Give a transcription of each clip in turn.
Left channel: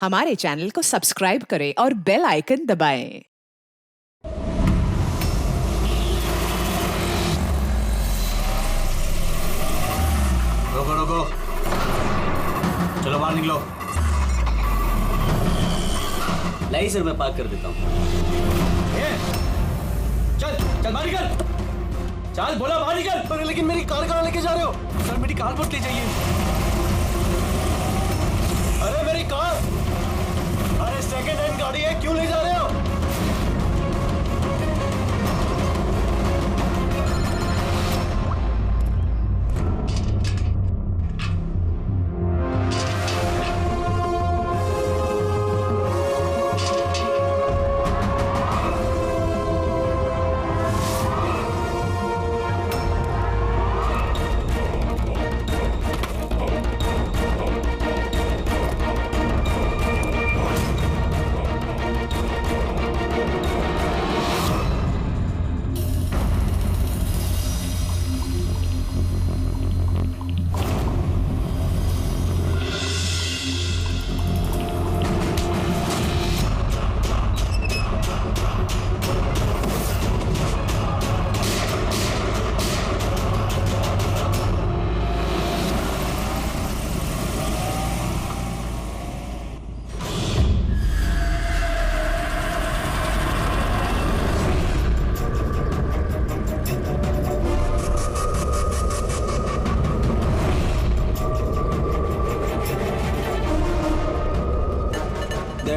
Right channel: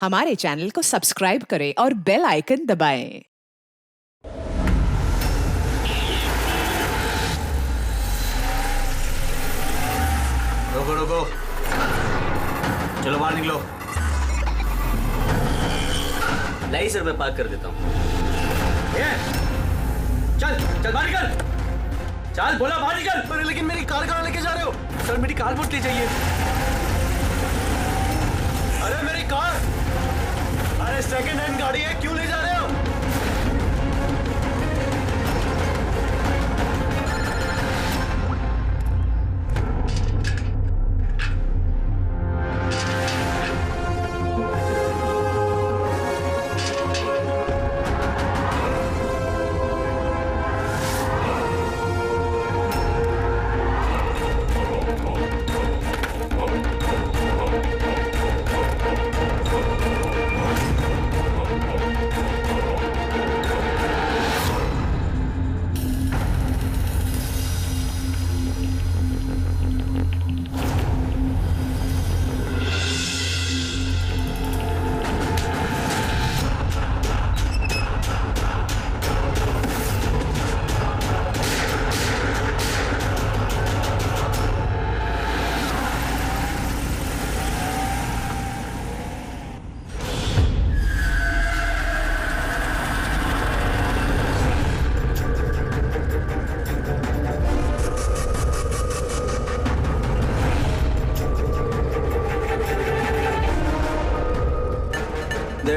हमारे चैनल को सब्सक्राइब करें और बेल आइकन दबाएं। रोको रोको, चलो बाहर निकलो। लाई सर, मैं पार्क कर देता हूँ। चल चल बाहर निकल, चल बोला बाहर निकल। अरे लेकिन मेरी कार कहाँ लेके जा रहे हो? सर मेरी कार मत ले जाइए। अरे मेरी कार, अरे सेकंड हैंड गाड़ी है, क्यों ले जा रहे हो?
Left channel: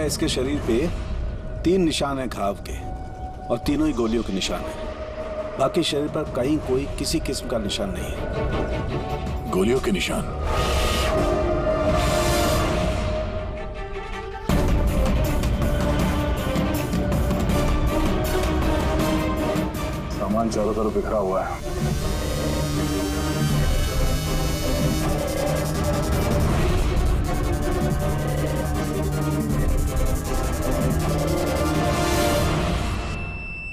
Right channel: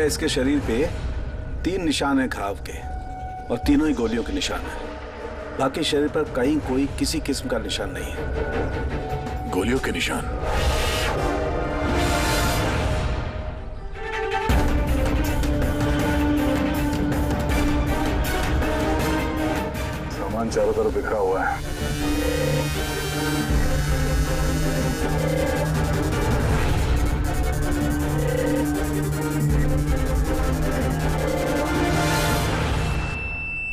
इसके शरीर पे 3 निशान हैं घाव के और तीनों ही गोलियों के निशान हैं। बाकी शरीर पर कहीं कोई किसी किस्म का निशान नहीं है। गोलियों के निशान? सामान चारों तरफ बिखरा हुआ है।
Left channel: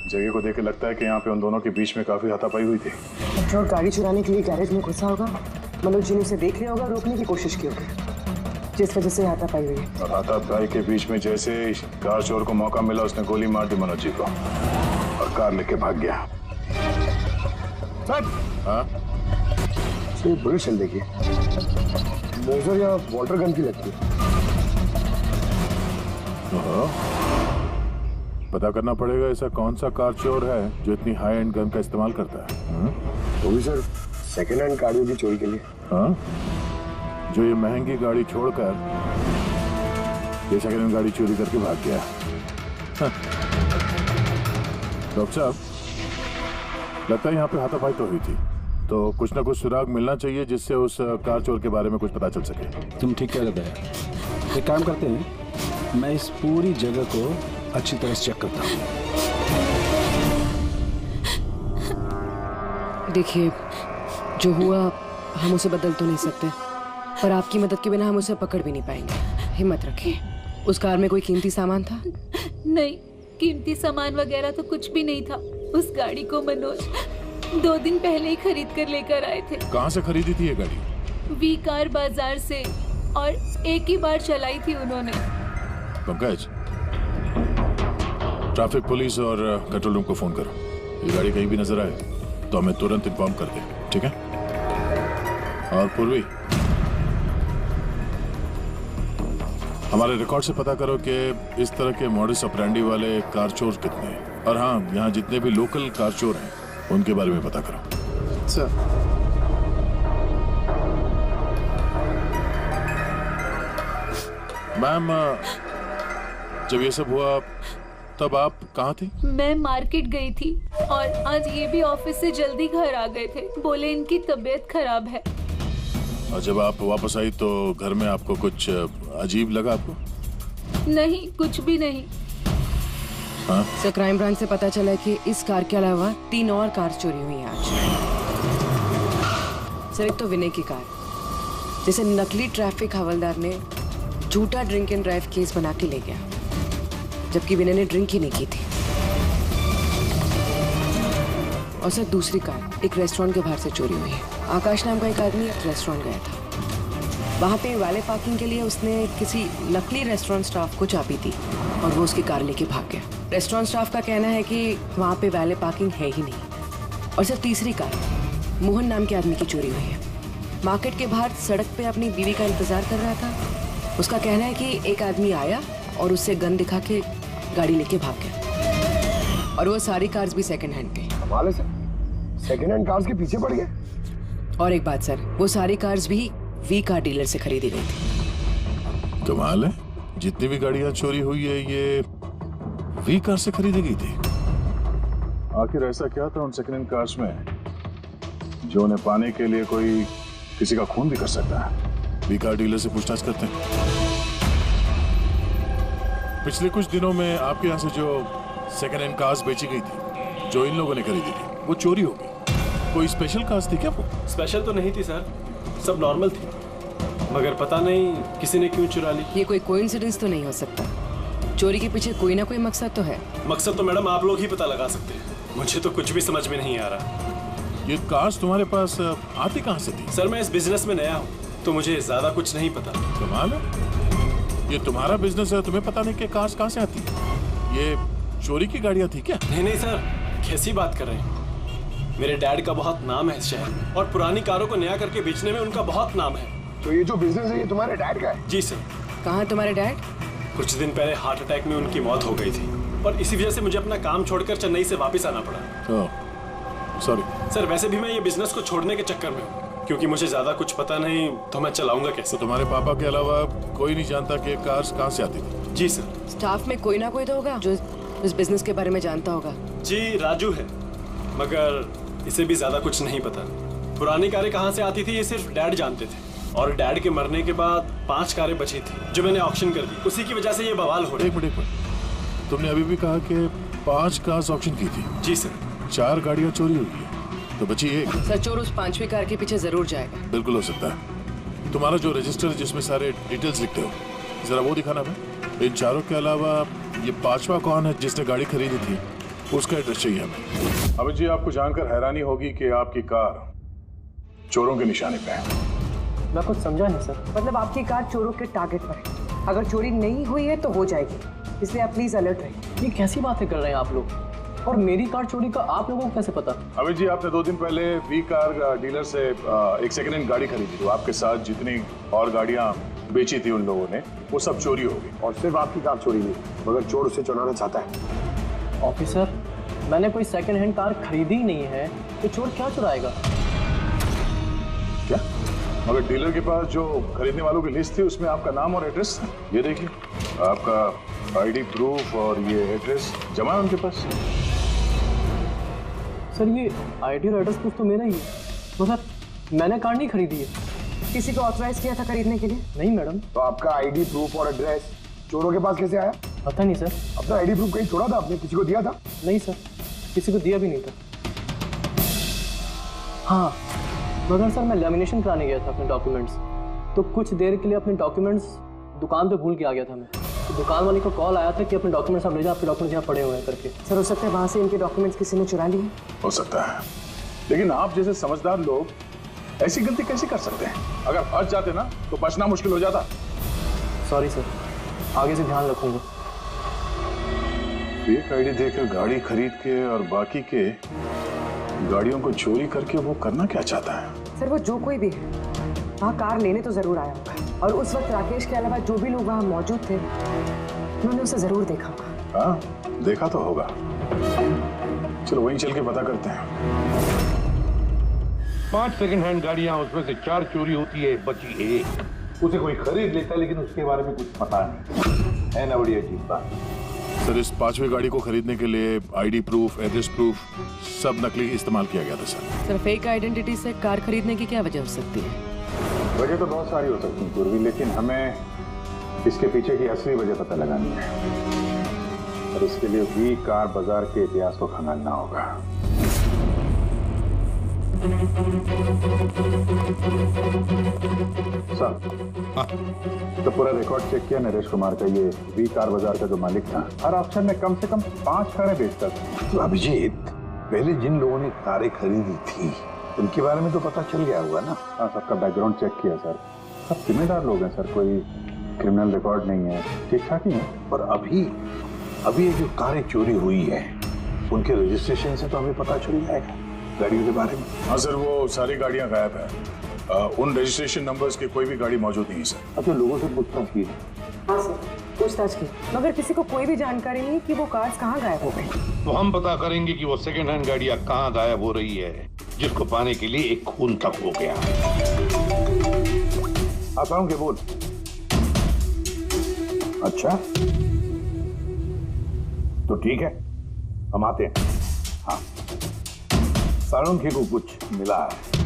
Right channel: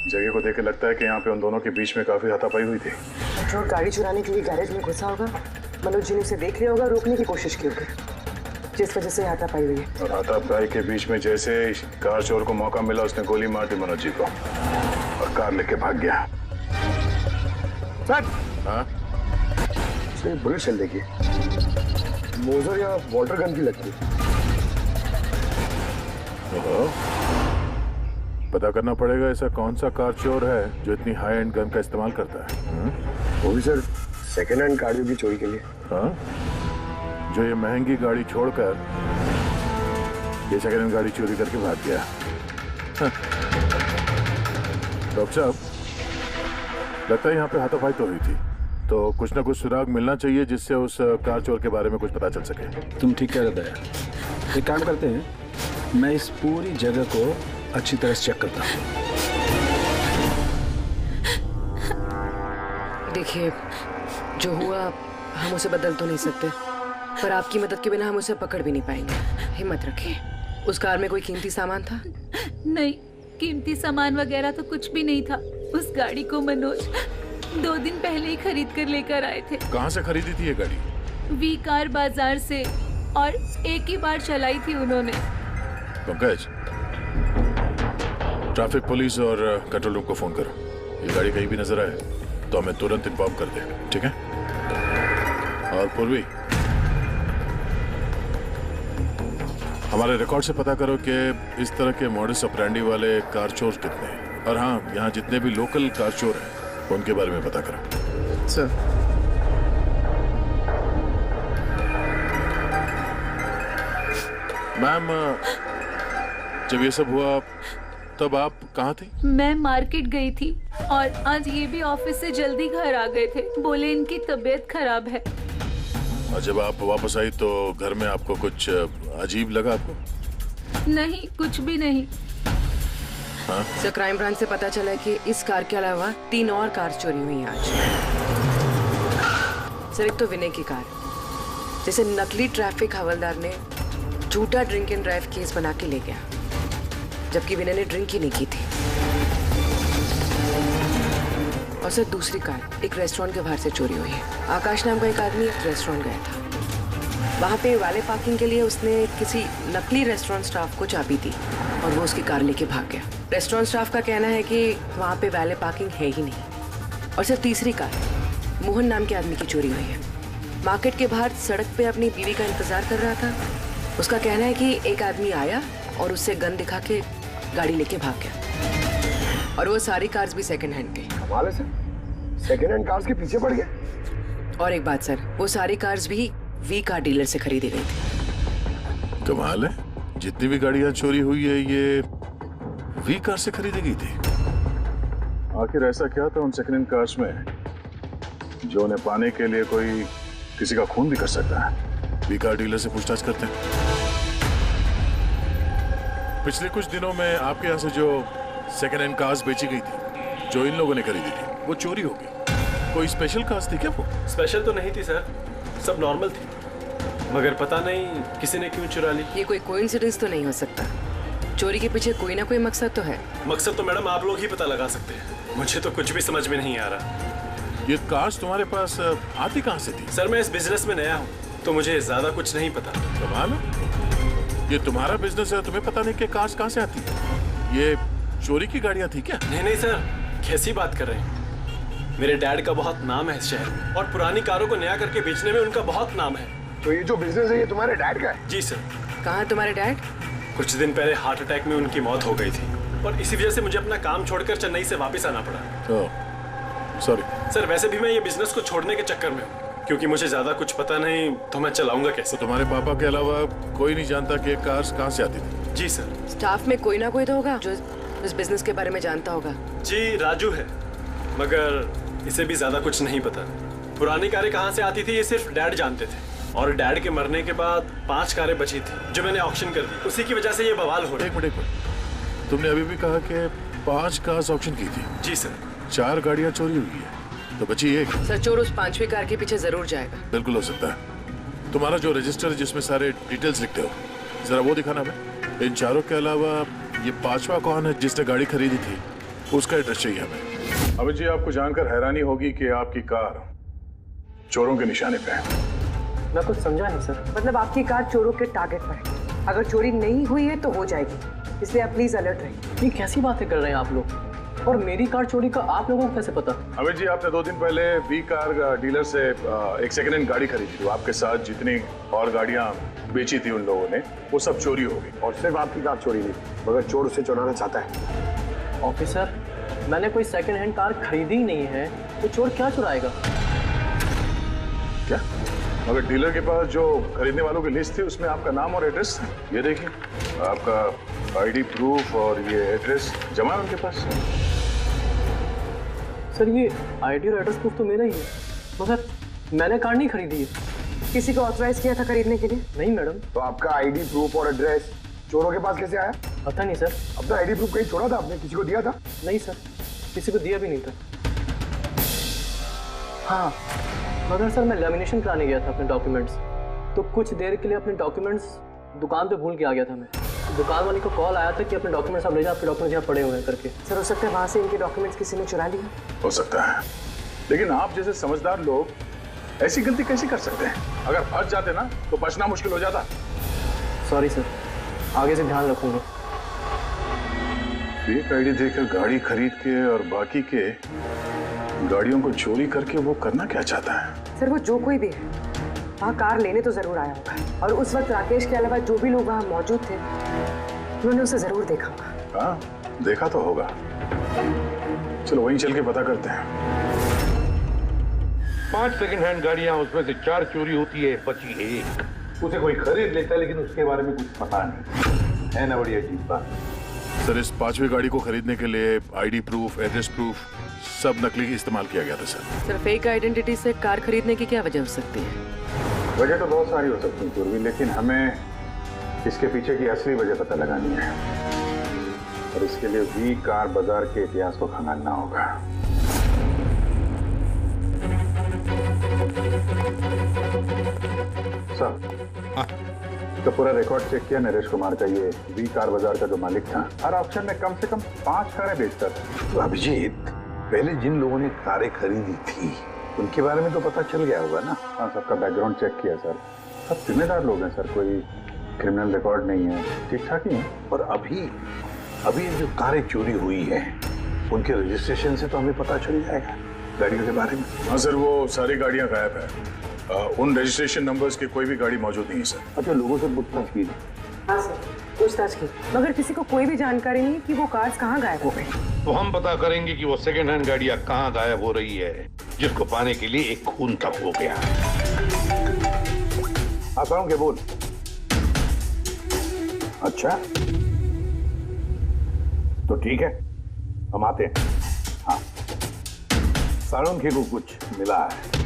जगह को देख के लगता है कि यहाँ पे उन दोनों के बीच में काफी हाथापाई हुई थी। पेट्रोल गाड़ी चुराने के लिए गैरेज में घुसा होगा। मनोज जी ने उसे देख लिया होगा, रोकने की कोशिश की होगी, जिस वजह से हाथापाई हुई है। और हाथापाई के बीच में जैसे कार चोर को मौका मिला, उसने गोली मार दी मनोज जी को और कार लेके भाग गया। हाँ? तो ये बुलेट शेल देखिए, मोजर या वाटर गन की लगती है। पता करना पड़ेगा ऐसा कौन सा कार चोर है जो इतनी हाई एंड गन का इस्तेमाल करता है। वो भी सर सेकेंड हैंड गाड़ियों की चोरी के लिए। हाँ? जो ये महंगी गाड़ी छोड़कर ये सेकेंड हैंड गाड़ी चोरी करके भाग गया। डॉक्टर साहब, लगता है यहाँ पे हाथापाई तो हुई थी, तो कुछ ना कुछ सुराग मिलना चाहिए जिससे उस कार चोर के बारे में कुछ पता चल सके। तुम ठीक कह रहे हो। एक काम करते हैं, मैं इस पूरी जगह को अच्छी तरह से चेक करता हूँ। देखिए, जो हुआ हम उसे बदल तो नहीं सकते, पर आपकी मदद के बिना हम उसे पकड़ भी नहीं पाएंगे। हिम्मत रखिए। उस कार में कोई कीमती सामान था? नहीं, कीमती सामान वगैरह तो कुछ भी नहीं था। उस गाड़ी को मनोज 2 दिन पहले ही खरीद कर लेकर आए थे। कहाँ से खरीदी थी ये गाड़ी? वी कार बाजार से, और एक ही बार चलाई थी उन्होंने। पंकज, ट्रैफिक पुलिस और कंट्रोल रूम को फोन करो। ये गाड़ी कहीं भी नजर आए तो हमें तुरंत इन्फॉर्म कर दे, ठीक है? और पूर्वी, हमारे रिकॉर्ड से पता करो कि इस तरह के मॉडस ऑपरेंडी वाले कार चोर कितने हैं। और हाँ, यहाँ जितने भी लोकल कार चोर हैं उनके बारे में पता करो। सर, मैम, जब ये सब हुआ तब आप कहाँ थी? मैं मार्केट गई थी, और आज ये भी ऑफिस से जल्दी घर आ गए थे। बोले इनकी तबीयत खराब है। और जब आप वापस आई तो घर में आपको कुछ अजीब लगा आपको? नहीं, कुछ भी नहीं। हाँ? सर, क्राइम ब्रांच से पता चला कि इस कार के अलावा 3 और कार चोरी हुई हैं आज। सर, एक तो विनय की कार, जिसे नकली ट्रैफिक हवलदार ने झूठा ड्रिंक एंड ड्राइव केस बना के ले गया, जबकि विनय ने ड्रिंक ही नहीं की थी। और सर, दूसरी कार एक रेस्टोरेंट के बाहर से चोरी हुई है। आकाश नाम का एक आदमी रेस्टोरेंट गया था। वहाँ पे वाले पार्किंग के लिए उसने किसी नकली रेस्टोरेंट स्टाफ को चाबी दी और वो उसकी कार लेके भाग गया। रेस्टोरेंट स्टाफ का कहना है कि वहाँ पे वाले पार्किंग है ही नहीं। और सिर्फ तीसरी कार मोहन नाम के आदमी की चोरी हुई है। मार्केट के बाहर सड़क पे अपनी बीवी का इंतजार कर रहा था। उसका कहना है कि एक आदमी आया और उससे गन दिखा के गाड़ी लेके भाग गया। और वो सारी कार्स भी सेकंड हैंड थे। कमाल है सर, सेकंड हैंड कार्स के पीछे पड़ गए। और एक बात सर, वो सारी कार्स भी वी कार डीलर से खरीदी गई थी। कमाल है, जितनी भी गाड़ियां चोरी हुई है ये वी कार से खरीदी गई थी। आखिर ऐसा क्या था उन सेकंड हैंड कार्स में जो उन्हें पाने के लिए कोई किसी का खून भी कर सकता है? वी कार डीलर से पूछताछ करते हैं। पिछले कुछ दिनों में आपके यहाँ से जो सेकंड हैंड कार्स बेची गई थी, जो इन लोगों ने खरीदी थी, वो चोरी हो गई। कोई स्पेशल कार्स थी क्या वो? स्पेशल तो नहीं थी सर, सब नॉर्मल थी, मगर पता नहीं किसी ने क्यों चुरा ली। ये कोई कोइंसिडेंस तो नहीं हो सकता। चोरी के पीछे कोई ना कोई मकसद तो है। मकसद तो मैडम आप लोग ही पता लगा सकते हैं, मुझे तो कुछ भी समझ में नहीं आ रहा। ये कार्स तुम्हारे पास आती कहाँ से थी? सर मैं इस बिजनेस में नया हूँ तो मुझे ज्यादा कुछ नहीं पता। कमाल है, ये तुम्हारा बिजनेस है, तुम्हें पता नहीं कि कार्स कहाँ से आती है? ये चोरी की गाड़ियाँ थी क्या? नहीं सर, कैसी बात कर रहे हैं? मेरे डैड का बहुत नाम है इस शहर में और पुरानी कारों को नया करके बेचने में उनका बहुत नाम है। तो ये जो बिजनेस है ये तुम्हारे डैड का है? जी सर। कहाँ है तुम्हारे डैड? कुछ दिन पहले हार्ट अटैक में उनकी मौत हो गई थी और इसी वजह से मुझे अपना काम छोड़कर चेन्नई से वापस आना पड़ा। सॉरी सर, वैसे भी मैं ये बिजनेस को छोड़ने के चक्कर में हूँ क्योंकि मुझे ज्यादा कुछ पता नहीं, तो मैं चलाऊंगा कैसे? तो तुम्हारे पापा के अलावा कोई नहीं जानता कि कार्स कहाँ से आती थी? जी सर। स्टाफ में कोई ना कोई तो होगा जो इस बिजनेस के बारे में जानता होगा। जी राजू है, मगर इसे भी ज्यादा कुछ नहीं पता। पुरानी कारें कहाँ से आती थी ये सिर्फ डैड जानते थे और डैड के मरने के बाद 5 कारें बची थी जो मैंने ऑक्शन कर दी, उसी की वजह से ये बवाल हो रहा है। एक मिनट, तुमने अभी भी कहा कि 5 कार्स ऑक्शन की थी? जी सर। 4 गाड़ियाँ चोरी हुई है तो बची एक। सर चोर उस 5वीं कार के पीछे जरूर जाएगा। बिल्कुल हो सकता है। तुम्हारा जो रजिस्टर है जिसमें सारे डिटेल्स लिखते हो, जरा वो दिखाना हमें। इन 4 के अलावा ये 5वां कौन है जिसने गाड़ी खरीदी थी, उसका एड्रेस चाहिए हमें। अभी जी आपको जानकर हैरानी होगी कि आपकी कार चोरों के निशाने पे है। मैं कुछ समझा नहीं सर। मतलब आपकी कार चोरों के टारगेट पर है। अगर चोरी नहीं हुई है तो हो जाएगी, इसलिए आप प्लीज अलर्ट रहिए। ये कैसी बातें कर रहे हैं आप लोग? और मेरी कार चोरी का आप लोगों को कैसे पता? अभी जी आपने 2 दिन पहले वी कार डीलर से एक सेकंड हैंड गाड़ी खरीदी थी। आपके साथ जितनी और गाड़ियां बेची थी उन लोगों ने, वो सब चोरी हो गई। और सिर्फ आपकी कार चोरी नहीं, मगर चोर उसे चुराना चाहता है। ऑफिसर, मैंने कोई सेकंड हैंड कार खरीदी ही नहीं है, तो चोर क्या चुराएगा? क्या? मगर डीलर के पास जो खरीदने वालों की लिस्ट थी उसमें आपका नाम और एड्रेस, ये देखिए आपका आईडी प्रूफ और ये एड्रेस जमा है उनके पास। सर ये आईडी और एड्रेस प्रूफ तो मेरा ही है, मगर मैंने कार नहीं खरीदी है। किसी को ऑथराइज किया था खरीदने के लिए? नहीं मैडम। तो आपका आईडी प्रूफ और एड्रेस चोरों के पास कैसे आया? पता नहीं सर। अपना आईडी प्रूफ कहीं छोड़ा था आपने? किसी को दिया था? नहीं सर, किसी को दिया भी नहीं था। हाँ, मगर सर मैं लेमिनेशन कराने गया था अपने डॉक्यूमेंट्स, तो कुछ देर के लिए अपने डॉक्यूमेंट्स दुकान पे भूल के आ गया था मैं। तो दुकान वाले को कॉल आया था कि अपने डॉक्यूमेंट्स आप ले जाओ, आपके डॉक्यूमेंट्स यहाँ पड़े हुए हैं करके। सर हो सकता है वहाँ से इनके डॉक्यूमेंट्स किसी ने चुरा लिए। हो सकता है, लेकिन आप जैसे समझदार लोग ऐसी गलती कैसे कर सकते हैं? अगर फंस जाते ना तो बचना मुश्किल हो जाता। सॉरी सर, आगे से ध्यान रखूंगा। फेक आईडी देकर गाड़ी खरीद के और बाकी के गाड़ियों को चोरी करके वो करना क्या चाहता है? सर वो जो कोई भी है वहाँ कार लेने तो जरूर आया होगा, और उस वक्त राकेश के अलावा जो भी लोग वहाँ मौजूद थे उन्होंने उसे जरूर देखा होगा। हाँ, देखा तो होगा। चलो वहीं चल के पता करते हैं। 5 सेकंड हैंड गाड़ियां, उसमें से 4 चोरी होती है, बची 1। उसे कोई खरीद लेता है लेकिन उसके बारे में कुछ पता नहीं है ना। बड़ी अजीब बात। सर इस 5वीं गाड़ी को खरीदने के लिए आईडी प्रूफ, एड्रेस प्रूफ सब नकली इस्तेमाल किया गया था सर। सर फेक आइडेंटिटी से कार खरीदने की क्या वजह हो सकती है? वजह तो बहुत सारी हो सकती है पूर्वी, लेकिन हमें इसके पीछे की असली वजह पता लगानी है और इसके लिए वी कार बाजार के इतिहास को खंगालना होगा। सर तो पूरा रिकॉर्ड चेक किया नरेश कुमार का, ये वी कार बाजार का जो मालिक था हर ऑक्शन में कम से कम 5 कारें बेचता था। तो अभिजीत, पहले जिन लोगों ने कारें खरीदी थी उनके बारे में तो पता चल गया होगा ना? हाँ, सबका बैकग्राउंड चेक किया सर। सब जिम्मेदार लोग हैं सर, कोई क्रिमिनल रिकॉर्ड नहीं है, ठीक ठाक ही है। पर अभी अभी ये जो कारें चोरी हुई है उनके रजिस्ट्रेशन से तो हमें पता चल जाएगा गाड़ियों के बारे में। हाँ सर, वो सारी गाड़ियां गायब है। उन रजिस्ट्रेशन नंबर्स की कोई भी गाड़ी मौजूद नहीं है सर। अच्छा, लोगों से पूछताछ की? हाँ सर, पूछताछ की, मगर किसी को कोई भी जानकारी नहीं कि वो कार्स कहाँ गायब हो गई। तो हम पता करेंगे कि वो सेकेंड हैंड गाड़ियां कहाँ गायब हो रही है, जिसको पाने के लिए एक खून तक हो गया है। आता हूँ, क्या बोल? अच्छा तो ठीक है, हम आते हैं। हाँ, साळुंखे को कुछ मिला है।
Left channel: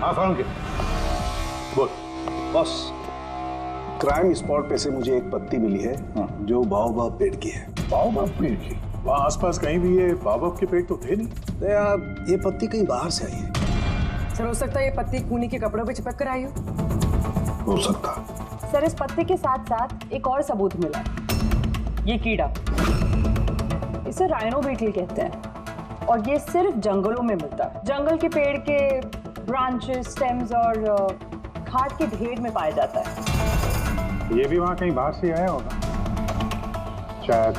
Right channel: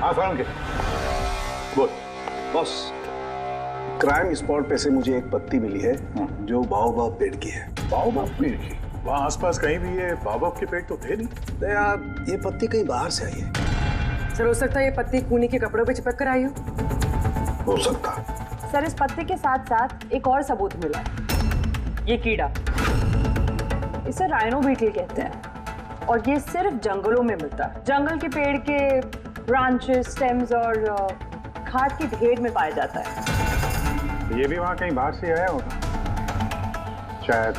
हाँ साळुंखे, बोल। बॉस, क्राइम स्पॉट पे से मुझे एक पत्ती मिली है जो बाओबाब पेड़ की है। बाओबाब पेड़ की? वहाँ आसपास कहीं भी ये बाओबाब के पेड़ तो थे नहीं। तो यार ये पत्ती कहीं बाहर से आई है। सर, हो सकता है ये पत्ती कूनी के कपड़ों पे चिपक कर आई हो सकता। सर, इस पत्ते के साथ साथ एक और सबूत मिला है। ये कीड़ा, इसे राइनो बीटल कहते हैं और ये सिर्फ जंगलों में मिलता है। जंगल के पेड़ के ब्रांचेस, स्टेम्स और खाद के ढेर में पाया जाता है। ये भी वहाँ कहीं बाहर से आया होगा, शायद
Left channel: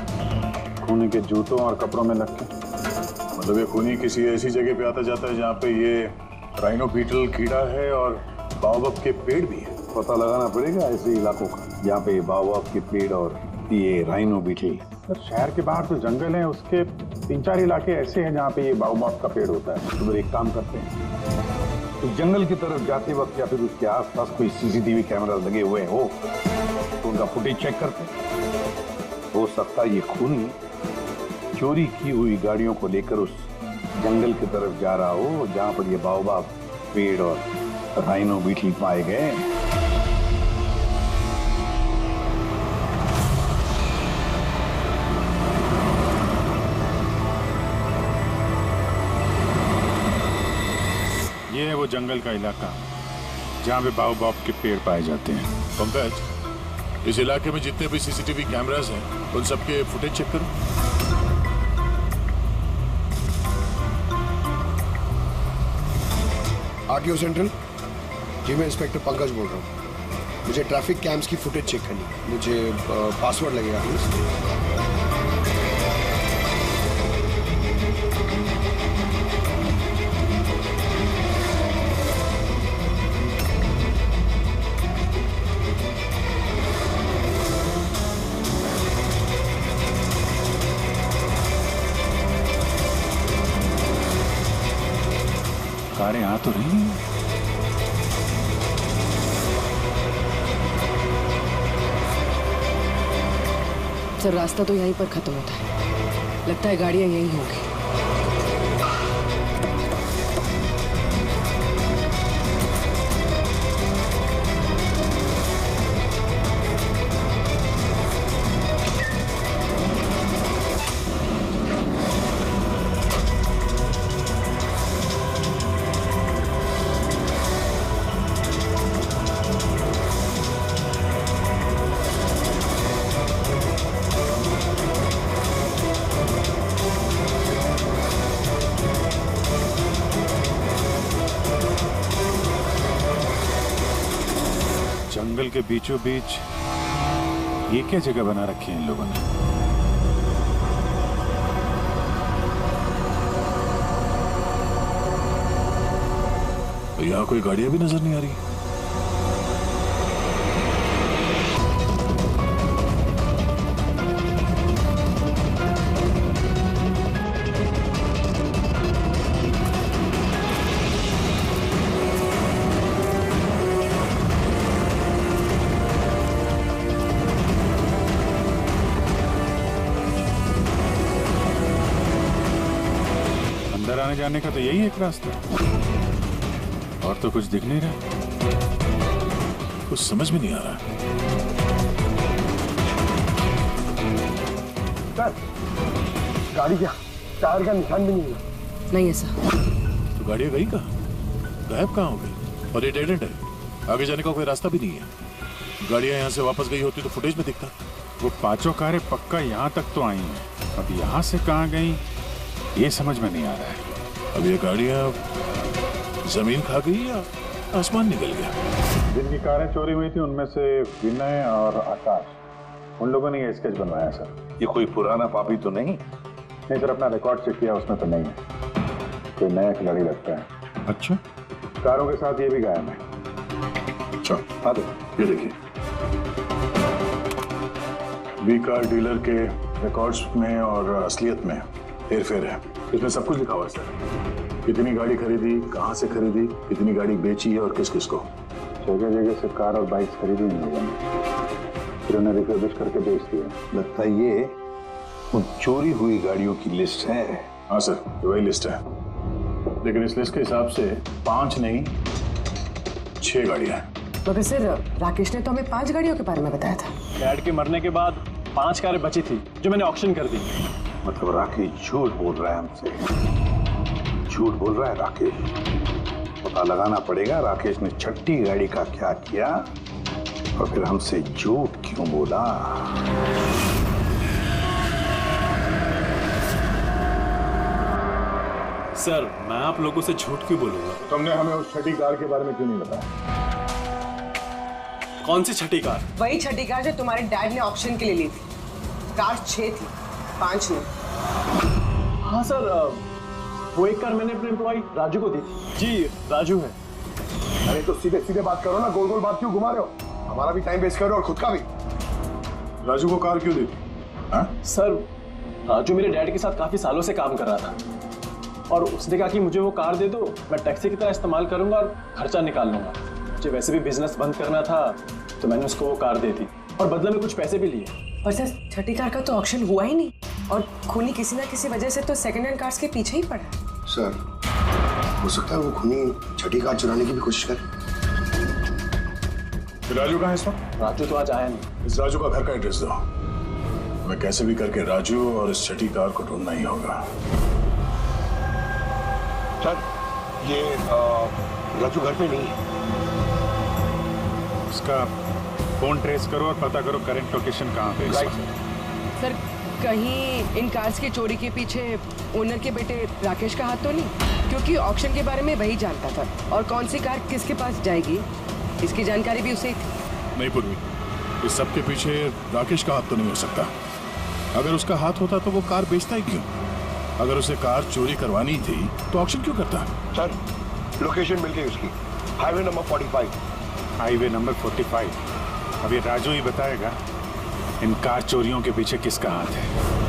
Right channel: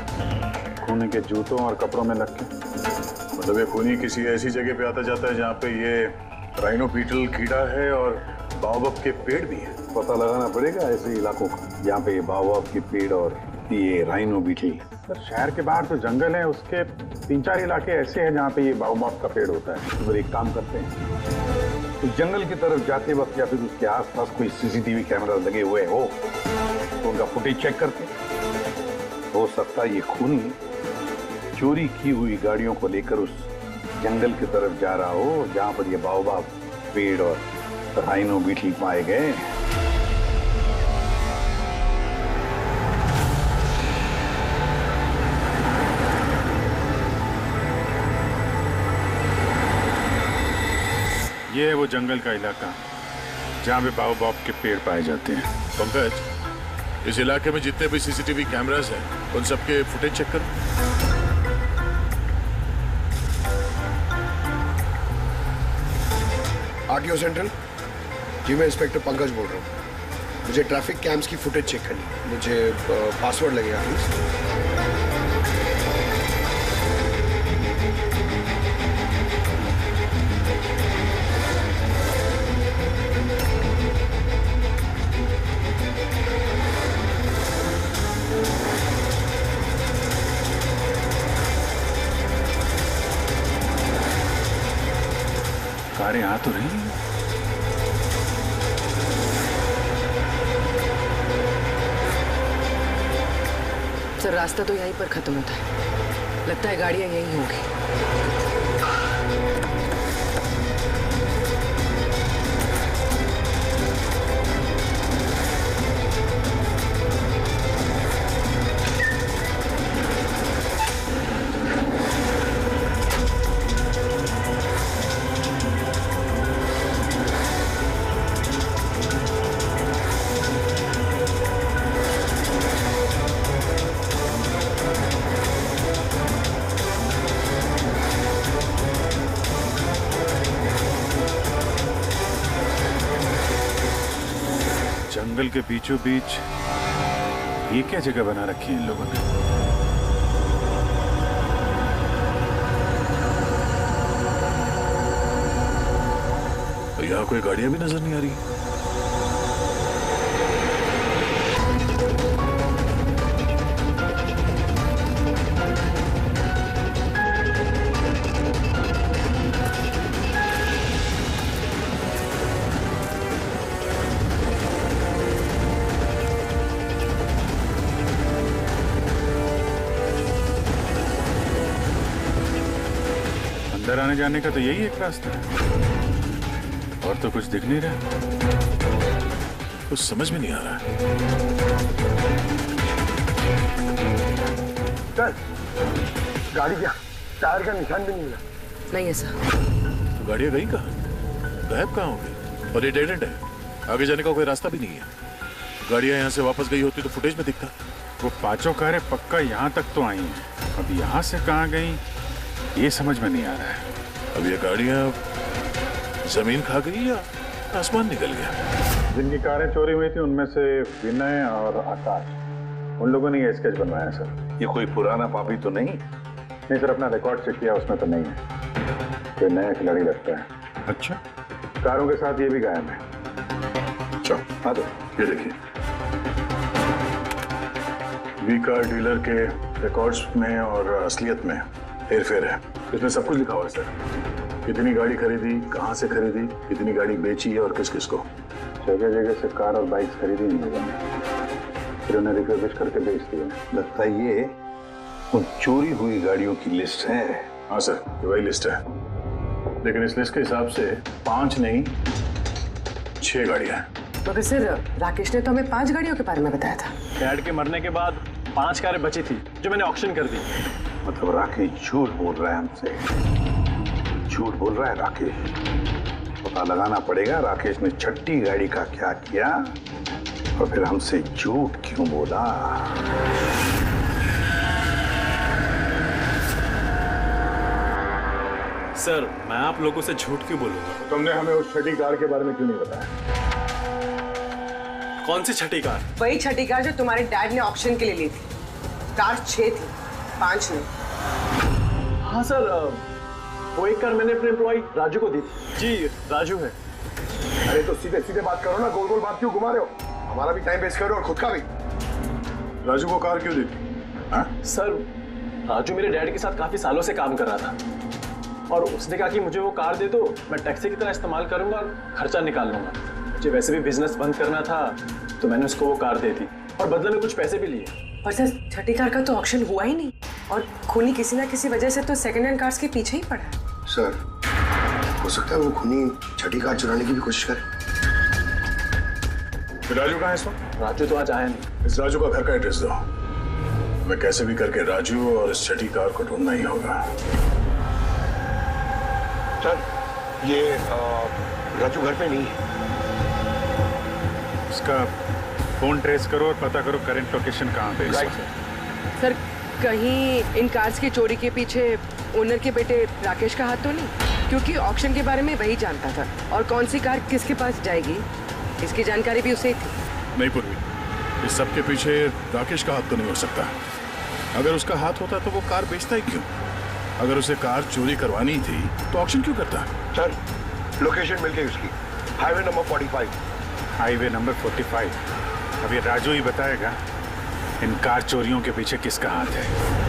खूनी के जूतों और कपड़ों में लग के। मतलब ये खूनी किसी ऐसी जगह पे आता जाता है जहाँ पे ये राइनो बीटल कीड़ा है और बाओबाब के पेड़ भी है। पता लगाना पड़ेगा ऐसे इलाकों का जहाँ पे बाओबाब के पेड़ और ये राइनो बीटल। सर, शहर के बाहर तो जंगल है, उसके 3-4 इलाके ऐसे हैं जहाँ पे ये बाओबाब का पेड़ होता है। तो फिर एक काम करते हैं, तो जंगल की तरफ जाते वक्त या फिर उसके आसपास कोई सीसीटीवी कैमरा लगे हुए हो तो उनका फुटेज चेक करते हैं। हो सकता है ये खूनी चोरी की हुई गाड़ियों को लेकर उस जंगल की तरफ जा रहा हो जहां पर ये बाओबाब पेड़ और राइनो बीटल पाए गए। ये है वो जंगल का इलाका जहाँ पे बाओबाब के पेड़ पाए जाते हैं। पंकज, इस इलाके में जितने भी सीसीटीवी कैमरास हैं उन सबके फुटेज चेक करो। आरटीओ सेंट्रल जी, मैं इंस्पेक्टर पंकज बोल रहा हूँ। मुझे ट्रैफिक कैम्स की फुटेज चेक करनी है। मुझे पासवर्ड लगेगा प्लीज। कारें आ तो रही हैं। सर, रास्ता तो यहीं पर खत्म होता है। लगता है गाड़ियां यहीं होंगी। जंगल के बीचों बीच ये क्या जगह बना रखी है इन लोगों ने? यहाँ कोई गाड़ियां भी नजर नहीं आ रही। अंदर आने जाने का तो यही एक रास्ता है, और तो कुछ दिख नहीं रहा। कुछ समझ में नहीं आ रहा। सर, गाड़ी क्या टायर का निशान भी नहीं मिला। नहीं ऐसा। तो गाड़ियां गई कहाँ? गायब कहाँ हो गई? और ये डेड एंड है, आगे जाने का कोई रास्ता भी नहीं है। गाड़ियां यहाँ से वापस गई होती तो फुटेज में दिखता। वो पांचों कारें पक्का यहाँ तक तो आई हैं। अब यहाँ से कहाँ गई ये समझ में नहीं आ रहा है। अब ये गाड़ियाँ जमीन खा गई या आसमान निकल गया? जिनकी कारें चोरी हुई थी उनमें से विनय और आकाश, उन लोगों ने ये स्केच बनवाया सर। ये कोई पुराना पापी तो नहीं? नहीं सर, अपना रिकॉर्ड चेक किया, उसमें तो नहीं है। कोई नया खिलाड़ी लगता है। अच्छा, कारों के साथ ये भी गायब है। अच्छा, आ दो। ये देखिए, बी कार डीलर के रिकॉर्ड्स में और असलियत में हेरफेर है। इसमें सब कुछ लिखा हुआ है सर। कितनी गाड़ी खरीदी, कहाँ से खरीदी, कितनी गाड़ी बेची है और किस किस को। जगह जगह से कार और बाइक्स खरीदी इन लोगों ने, फिर उन्हें रिफर्बिश करके बेच दिया। लगता है ये उन चोरी हुई गाड़ियों की लिस्ट है। हाँ सर, ये वही लिस्ट है, लेकिन इस लिस्ट के हिसाब से 5 नहीं 6 गाड़ियां हैं। मगर सर, राकेश ने तो हमें 5 गाड़ियों के बारे में बताया था। डैड के मरने के बाद 5 कारें बची थी जो मैंने ऑक्शन कर दी। मतलब राकेश झूठ बोल रहा है हमसे, झूठ बोल रहा है राकेश। पता लगाना पड़ेगा राकेश ने छठी गाड़ी का क्या किया और फिर हमसे झूठ क्यों बोला। सर, मैं आप लोगों से झूठ क्यों बोलूंगा? तो तुमने हमें उस छठी कार के बारे में क्यों नहीं बताया? कौन सी छठी कार? वही छठी कार जो तुम्हारे डैड ने ऑक्शन के लिए ली थी। कार 6 थी, 5 नहीं। हाँ सर, वो एक कार मैंने अपने एम्प्लॉय राजू को दी थी। जी, राजू है। अरे तो सीधे सीधे बात करो ना, गोल गोल बात क्यों घुमा रहे हो? हमारा भी टाइम वेस्ट कर रहे हो और खुद का भी। राजू को कार क्यों दी थी? हाँ? सर, राजू मेरे डैड के साथ काफी सालों से काम कर रहा था और उसने कहा कि मुझे वो कार दे दो, मैं टैक्सी की तरह इस्तेमाल करूंगा और खर्चा निकाल लूंगा। मुझे वैसे भी बिजनेस बंद करना था तो मैंने उसको वो कार दे दी और बदले में कुछ पैसे भी लिए। पर सर, छठी कार का तो ऑक्शन हुआ ही नहीं और खूनी किसी ना किसी वजह से तो सेकंड हैंड कार्स के पीछे ही पड़ा है। सर, हो सकता है वो खूनी छठी कार चुराने की भी कोशिश करे। राजू कहाँ है इस वक्त? राजू तो आज आया नहीं। इस राजू का घर का एड्रेस दो, हमें कैसे भी करके राजू और इस छठी कार को ढूंढना ही होगा। सर, ये राजू घर पे नहीं है। इसका फोन ट्रेस करो और पता करो करंट लोकेशन कहाँ पे है। सर, कहीं इन कार्स की चोरी के पीछे ओनर के बेटे राकेश का हाथ तो नहीं? क्योंकि ऑक्शन के बारे में वही जानता था और कौन सी कार किसके पास जाएगी इसकी जानकारी भी उसे ही थी। नहीं पूर्वी, इस सब के पीछे राकेश का हाथ तो नहीं हो सकता। अगर उसका हाथ होता तो वो कार बेचता ही क्यों? अगर उसे कार चोरी करवानी थी तो ऑक्शन क्यों करता? सर, लोकेशन मिल गई उसकी, हाईवे नंबर 45। Highway number 45। अब ये राजू ही बताएगा इन कार चोरियों के पीछे किसका हाथ है।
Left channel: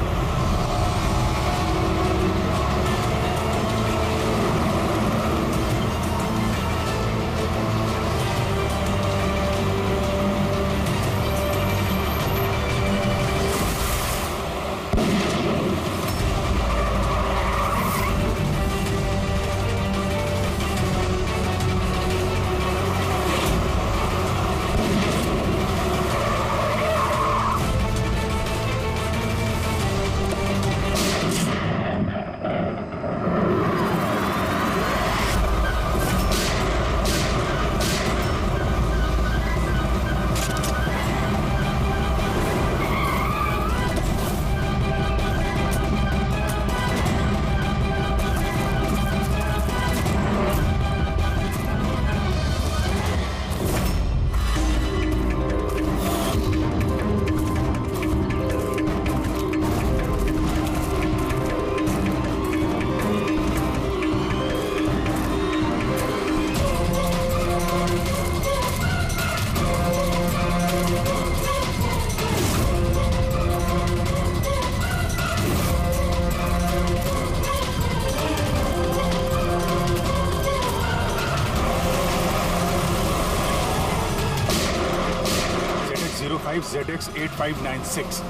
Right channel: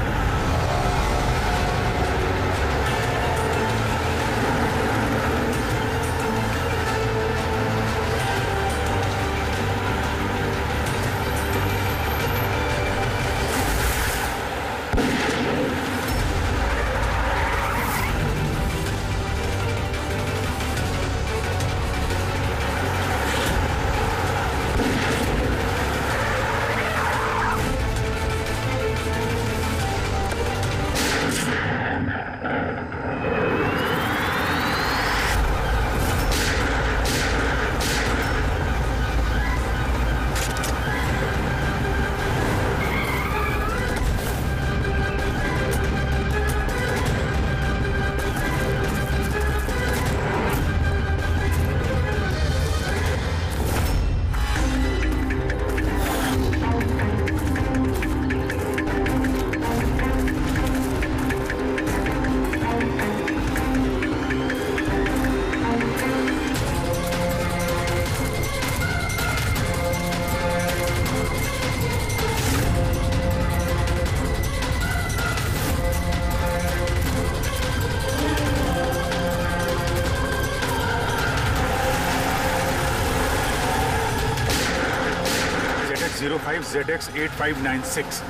ZX8596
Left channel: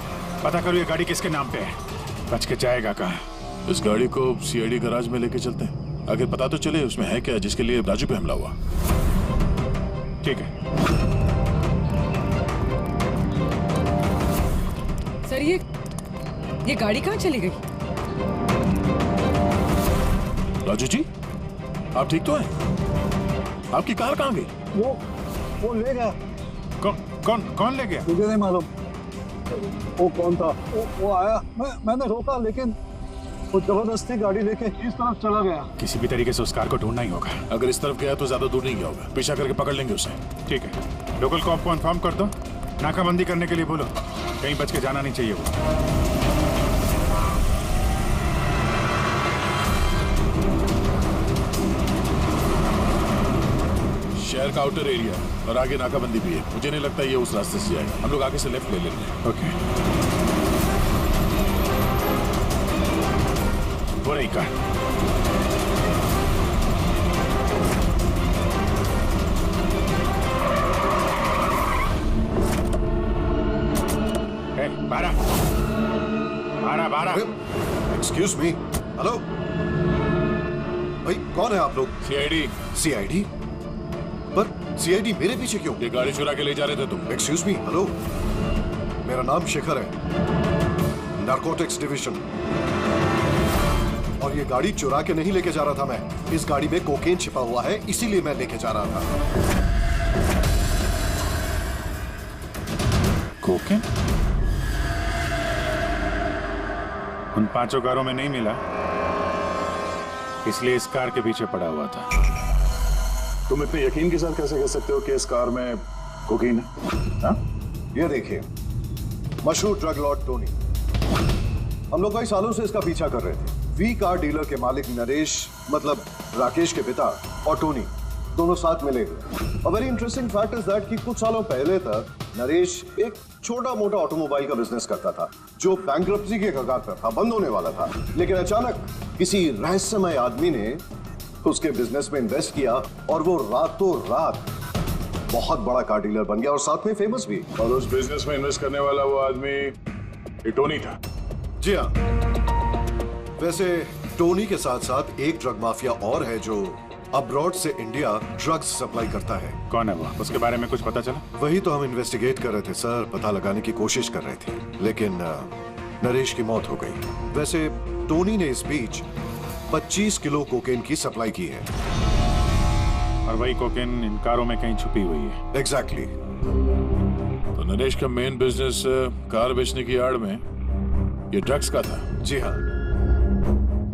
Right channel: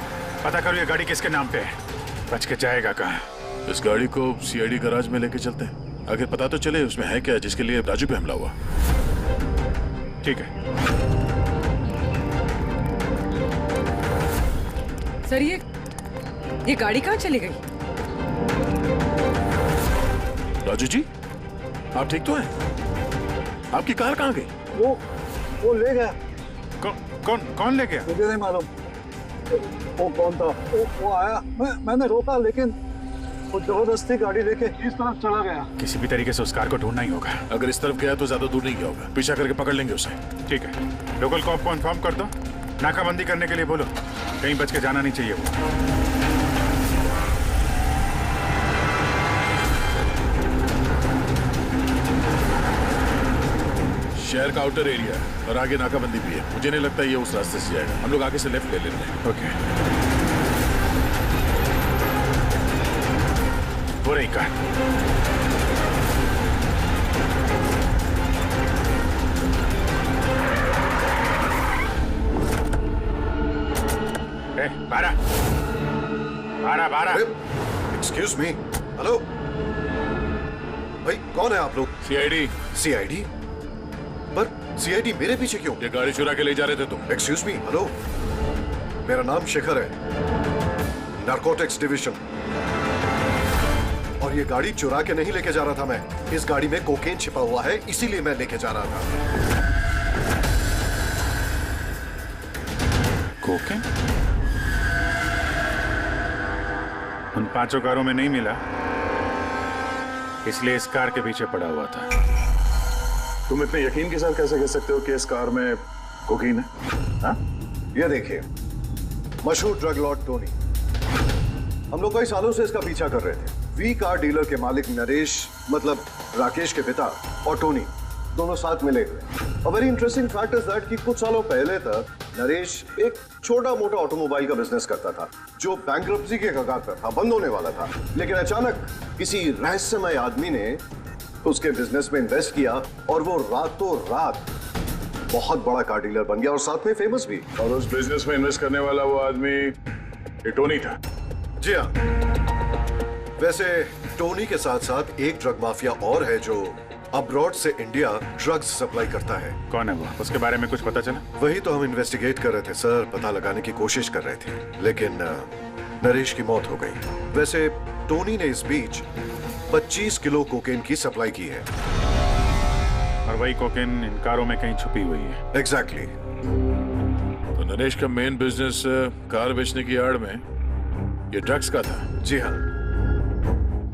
पता करो ये गाड़ी किसके नाम पे है। बच के जाएगा कहाँ? इस गाड़ी को सीआईडी गैराज में लेके चलते हैं, आखिर पता तो चले उसमें है क्या जिसके लिए राजू पे हमला हुआ। ठीक है सर, ये गाड़ी कहाँ चली गई? राजू जी, आप ठीक तो हैं? आपकी कार कहाँ गई? वो ले गया। कौन ले गया? मुझे नहीं मालूम। वो कौन था? वो आया, मैंने रोका, लेकिन वो जबरदस्ती गाड़ी लेके इस तरफ चला गया। किसी भी तरीके से उस कार को ढूंढना ही होगा। अगर इस तरफ गया तो ज्यादा दूर नहीं गया होगा, पीछा करके पकड़ लेंगे उसे। ठीक है, लोकल कॉप को इन्फॉर्म कर दो, नाकाबंदी करने के लिए बोलो, कहीं बच के जाना नहीं चाहिए वो। शहर का आउटर एरिया है और आगे नाकाबंदी भी है। मुझे नहीं लगता ये उस रास्ते से जाएगा। हम लोग आगे से लेफ्ट ले लेते हैं। ओके, वो रही कार। बारह 'Excuse me, हेलो भाई, कौन है आप लोग? सीआईडी। सीआईडी? पर सीआईडी मेरे पीछे क्यों? ये गाड़ी चुरा के ले जा रहे थे तुम। एक्सक्यूज मी, हेलो, मेरा नाम शेखर है, नारकोटिक्स डिवीजन, और ये गाड़ी चुरा के नहीं लेके जा रहा था मैं। इस गाड़ी में कोकेन छिपा हुआ है, इसीलिए मैं लेके जा रहा था। कोकेन? उन 5 कारों में नहीं मिला, इसलिए इस कार के पीछे पड़ा हुआ था। तुम इतने यकीन के साथ कैसे कह सकते हो कि इस कार में कोकीन है? हाँ? ये देखिए, मशहूर ड्रग लॉर्ड टोनी, हम लोग कई सालों से इसका पीछा कर रहे थे। वी कार डीलर के मालिक नरेश, मतलब राकेश के पिता, और टोनी दोनों साथ मिले हुए। और very interesting fact is that कि कुछ सालों पहले तक नरेश एक छोटा मोटा ऑटोमोबाइल का बिजनेस करता था, जो बैंक्रप्सी के कगार पर था, बंद होने वाला था। लेकिन अचानक किसी रहस्यमय आदमी ने उसके बिजनेस में इन्वेस्ट किया और वो रातों रात बहुत बड़ा कार डीलर बन गया और साथ में फेमस भी। और उस बिजनेस में इन्वेस्ट करने वाला वो आदमी ये टोनी था। जी हाँ, वैसे टोनी के साथ साथ एक ड्रग माफिया और है जो अब्रॉड से इंडिया ड्रग्स सप्लाई करता है। कौन है वो? उसके बारे में कुछ पता चला? वही तो हम इन्वेस्टिगेट कर रहे थे सर, पता लगाने की कोशिश कर रहे थे, लेकिन नरेश की मौत हो गई। वैसे टोनी ने इस बीच 25 किलो कोकेन की सप्लाई की है। और वही कोकेन इन कारों में कहीं छुपी हुई है। एग्जैक्टली। तो नरेश का मेन बिजनेस कार बेचने की आड़ में ये ड्रग्स का था। जी हाँ।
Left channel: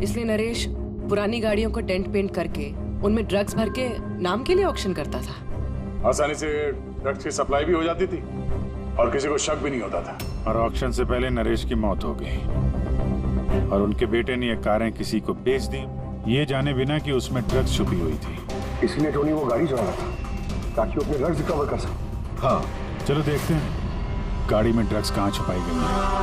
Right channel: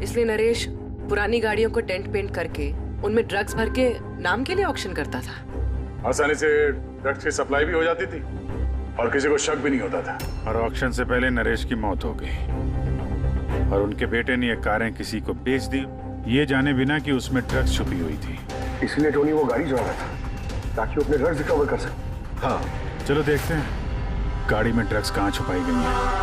इसलिए नरेश पुरानी गाड़ियों को डेंट पेंट करके उनमें ड्रग्स भर के नाम के लिए ऑक्शन करता था। आसानी से ड्रग्स की सप्लाई भी हो जाती थी और किसी को शक भी नहीं होता था। और ऑक्शन से पहले नरेश की मौत हो गई और उनके बेटे ने ये कारें किसी को बेच दी, ये जाने बिना कि उसमें ड्रग्स छुपी हुई थी। इसलिए टोनी वो गाड़ी चुरा रहा था ताकि वो अपने ड्रग्स रिकवर कर सके। हाँ, चलो देखते हैं गाड़ी में ड्रग्स कहाँ छुपाई गई है।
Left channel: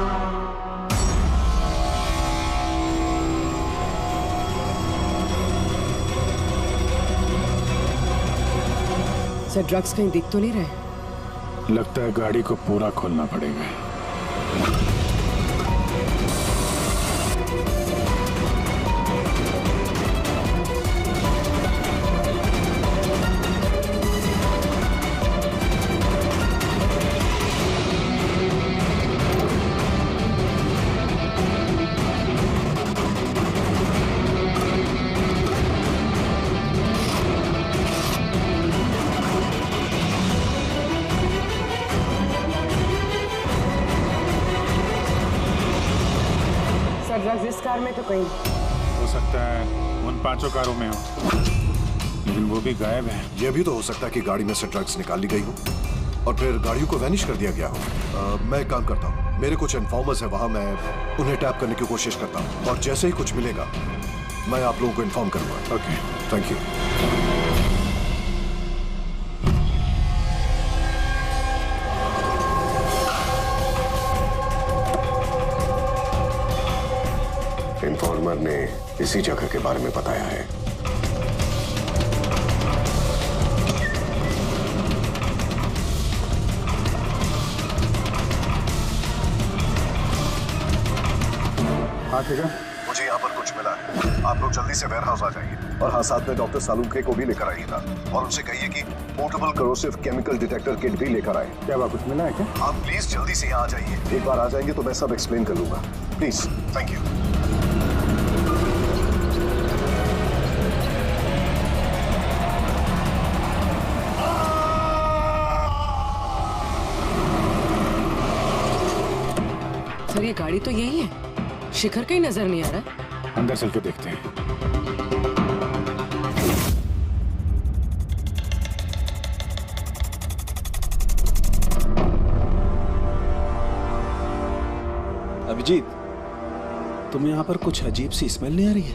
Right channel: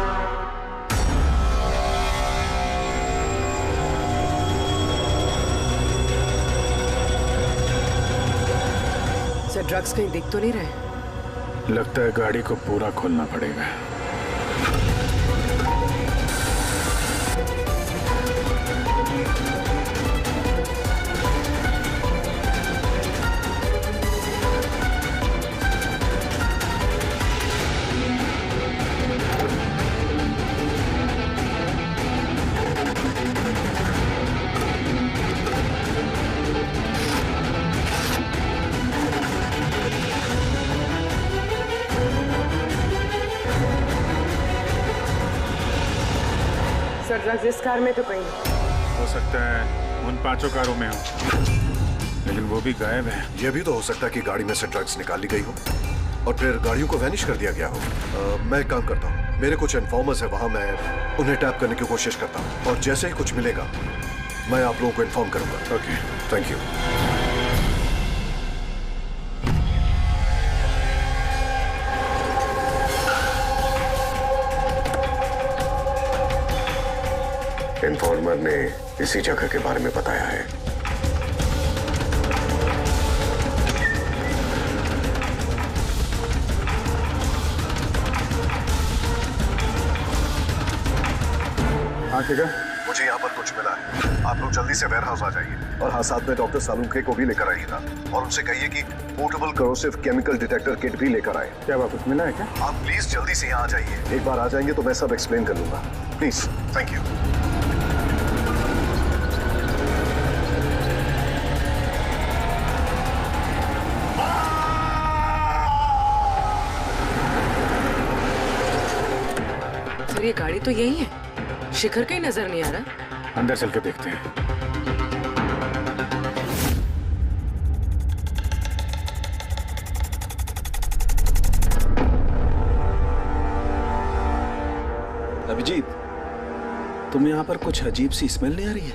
सर, ड्रग्स कहीं दिख तो नहीं रहे? लगता है गाड़ी को पूरा खोलना पड़ेगा। सर, ड्रग्स इस कार में तो कहीं नहीं। हो सकता है उन 5 कारों में हो, लेकिन वो भी गायब है। यह भी तो हो सकता है कि गाड़ी में से ड्रग्स निकाल ली गई हो और फिर गाड़ियों को वैनिश कर दिया गया हो। मैं एक काम करता हूँ, मेरे कुछ इन्फॉर्मर्स है वहां, मैं उन्हें टैप करने की कोशिश करता हूँ और जैसे ही कुछ मिलेगा मैं आप लोगों को इन्फॉर्म करूंगा। Okay, thank you. इन्फॉर्मर ने इसी जगह के बारे में बताया है। हाँ ठीक है, मुझे यहाँ पर कुछ मिला है, आप लोग जल्दी से वेयर हाउस आ जाइए और हाँ, साथ में डॉक्टर सालुंके को भी लेकर आइएगा और उनसे कहिए कि portable corrosive chemical detector kit भी लेकर आए। क्या बात, कुछ मिला है क्या? आप प्लीज जल्दी से यहाँ आ जाइए। एक बार आ जाएंगे तो मैं सब एक्सप्लेन कर लूंगा। Please, thank you. सर ये गाड़ी तो यही है, शिखर कहीं नजर नहीं आ रहा। अंदर चल के देखते हैं। अभिजीत, तुम यहाँ पर कुछ अजीब सी स्मेल नहीं आ रही है?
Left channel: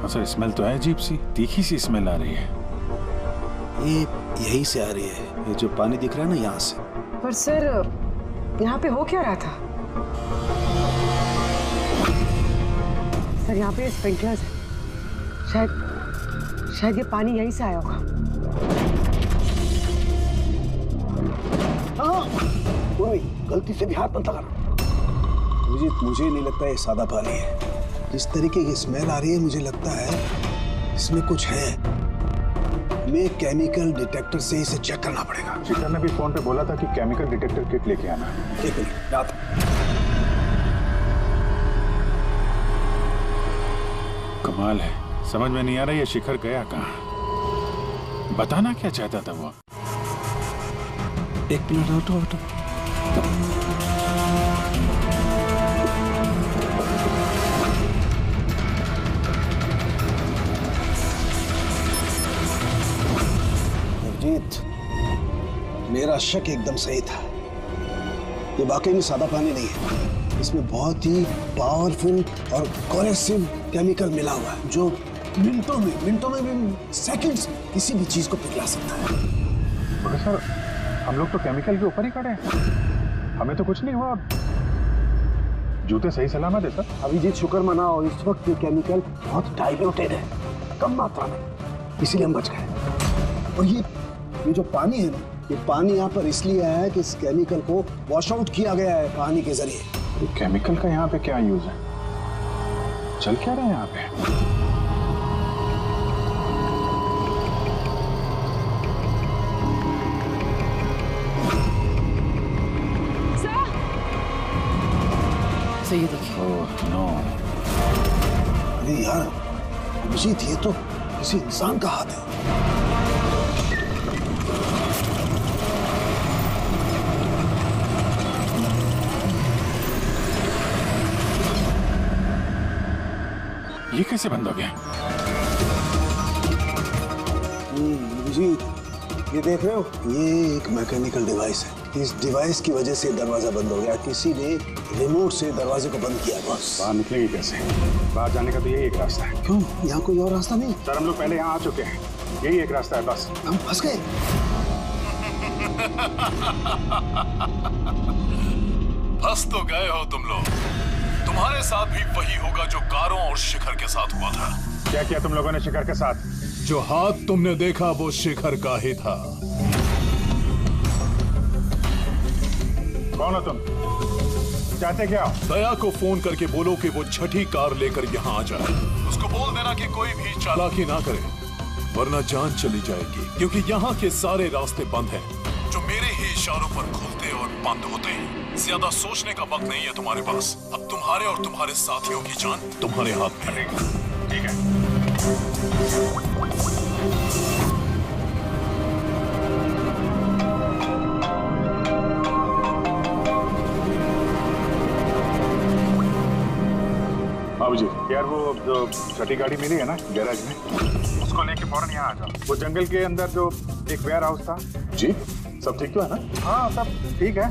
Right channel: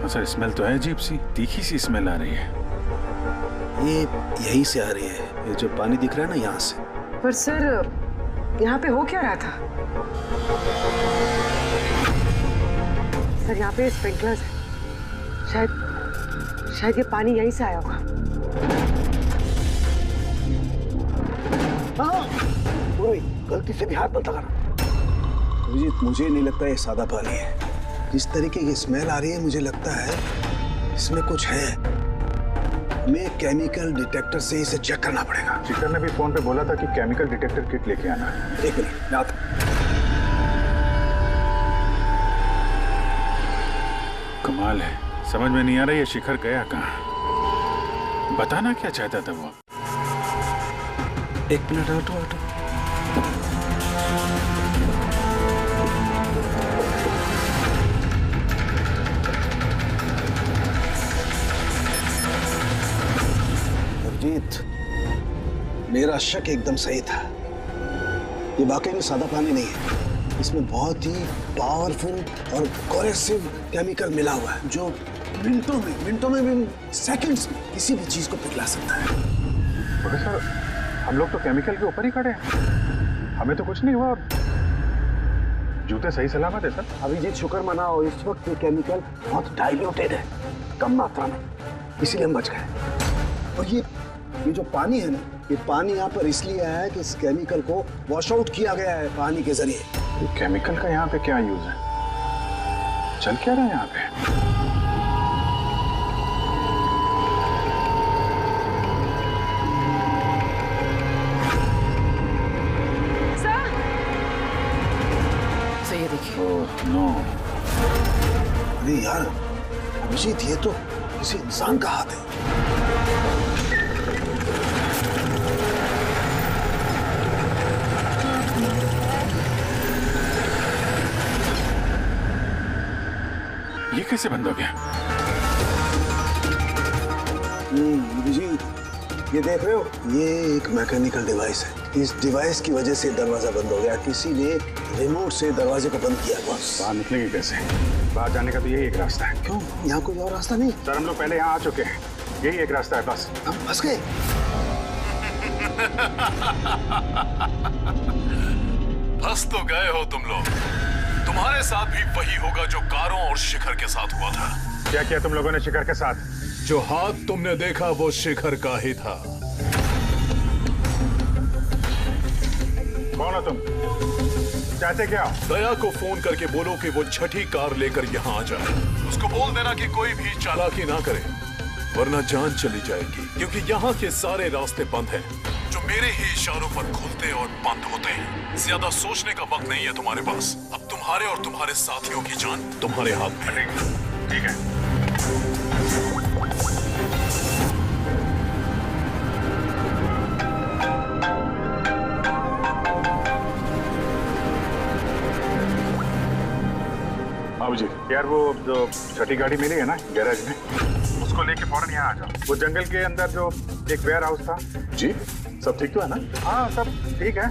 हाँ सर, स्मेल तो है अजीब सी, तीखी सी स्मेल आ रही है। ये यहीं से आ रही है, ये जो पानी दिख रहा है ना यहाँ से। पर सर यहाँ पे हो क्या रहा था? सर यहाँ पे स्प्रिंकलर्स है, शायद ये पानी यहीं से आया होगा। हाँ, गलती से भी हाथ मत लगाना। अभिजीत, मुझे नहीं लगता ये सादा पानी है। जिस तरीके की स्मेल आ रही है, मुझे लगता है इसमें कुछ है। हमें केमिकल डिटेक्टर से इसे चेक करना पड़ेगा। शिखर ने भी फोन पे बोला था कि केमिकल डिटेक्टर किट लेके आना। एक मिनट, मैं आता हूं। कमाल है, समझ में नहीं आ रहा ये शिखर गया कहाँ। बताना क्या चाहता था वो? एक मिनट, हटो। अभिजीत, मेरा शक एकदम सही था। ये वाकई में सादा पानी नहीं है। इसमें बहुत ही पावरफुल और कोरेसिव केमिकल मिला हुआ है, जो मिनटों में भी, सेकंड्स में किसी भी चीज को पिघला सकता है। मगर सर, हम लोग तो केमिकल के ऊपर ही खड़े हैं, हमें तो कुछ नहीं हुआ। जूते सही सलामत है सर। अभिजीत, शुक्र मनाओ, इस वक्त ये केमिकल बहुत डाइल्यूटेड है, कम मात्रा में, इसीलिए हम बच गए। और ये जो पानी है ना, ये पानी यहाँ पर इसलिए आया है कि इस केमिकल को वॉश आउट किया गया है पानी के जरिए। ये केमिकल का यहाँ पे क्या यूज है? चल क्या रहा है यहाँ पे? सही है, देखिए। Oh no. अरे यार अभिजीत, ये तो किसी इंसान का हाथ है। ये कैसे बंद हो गया? अभिजीत, ये देख रहे हो, ये एक मैकेनिकल डिवाइस है। इस डिवाइस की वजह से दरवाजा बंद हो गया। किसी ने रिमोट से दरवाजे को बंद किया। बस बाहर निकलेंगे कैसे? बाहर जाने का तो यही एक रास्ता है। क्यों, यहाँ कोई और रास्ता नहीं? सर, हम लोग पहले यहाँ आ चुके हैं, यही एक रास्ता है बस। हम फंस गए। फंस तो गए हो तुम लोग। तुम्हारे साथ भी वही होगा जो कारों और शिखर के साथ हुआ था। क्या किया तुम लोगों ने शिखर के साथ? जो हाथ तुमने देखा वो शिखर का ही था। कौन हो तुम? चाहते क्या? दया को फोन करके बोलो कि वो छठी कार लेकर यहाँ आ जाए। उसको बोल देना कि कोई भी चालाकी ना करे, वरना जान चली जाएगी। क्योंकि यहाँ के सारे रास्ते बंद हैं, जो मेरे ही इशारों पर खुलते और बंद होते हैं। ज्यादा सोचने का वक्त नहीं है तुम्हारे पास। अब तुम्हारे और तुम्हारे साथियों की जान तुम्हारे हाथ में है। ठीक है। जी यार, वो जो छठी गाड़ी मिली है ना गैराज में, उसको लेके फौरन यहाँ आ जाओ। वो जंगल के अंदर जो एक वेयर हाउस था। जी, सब ठीक तो है ना? हाँ, सब ठीक है,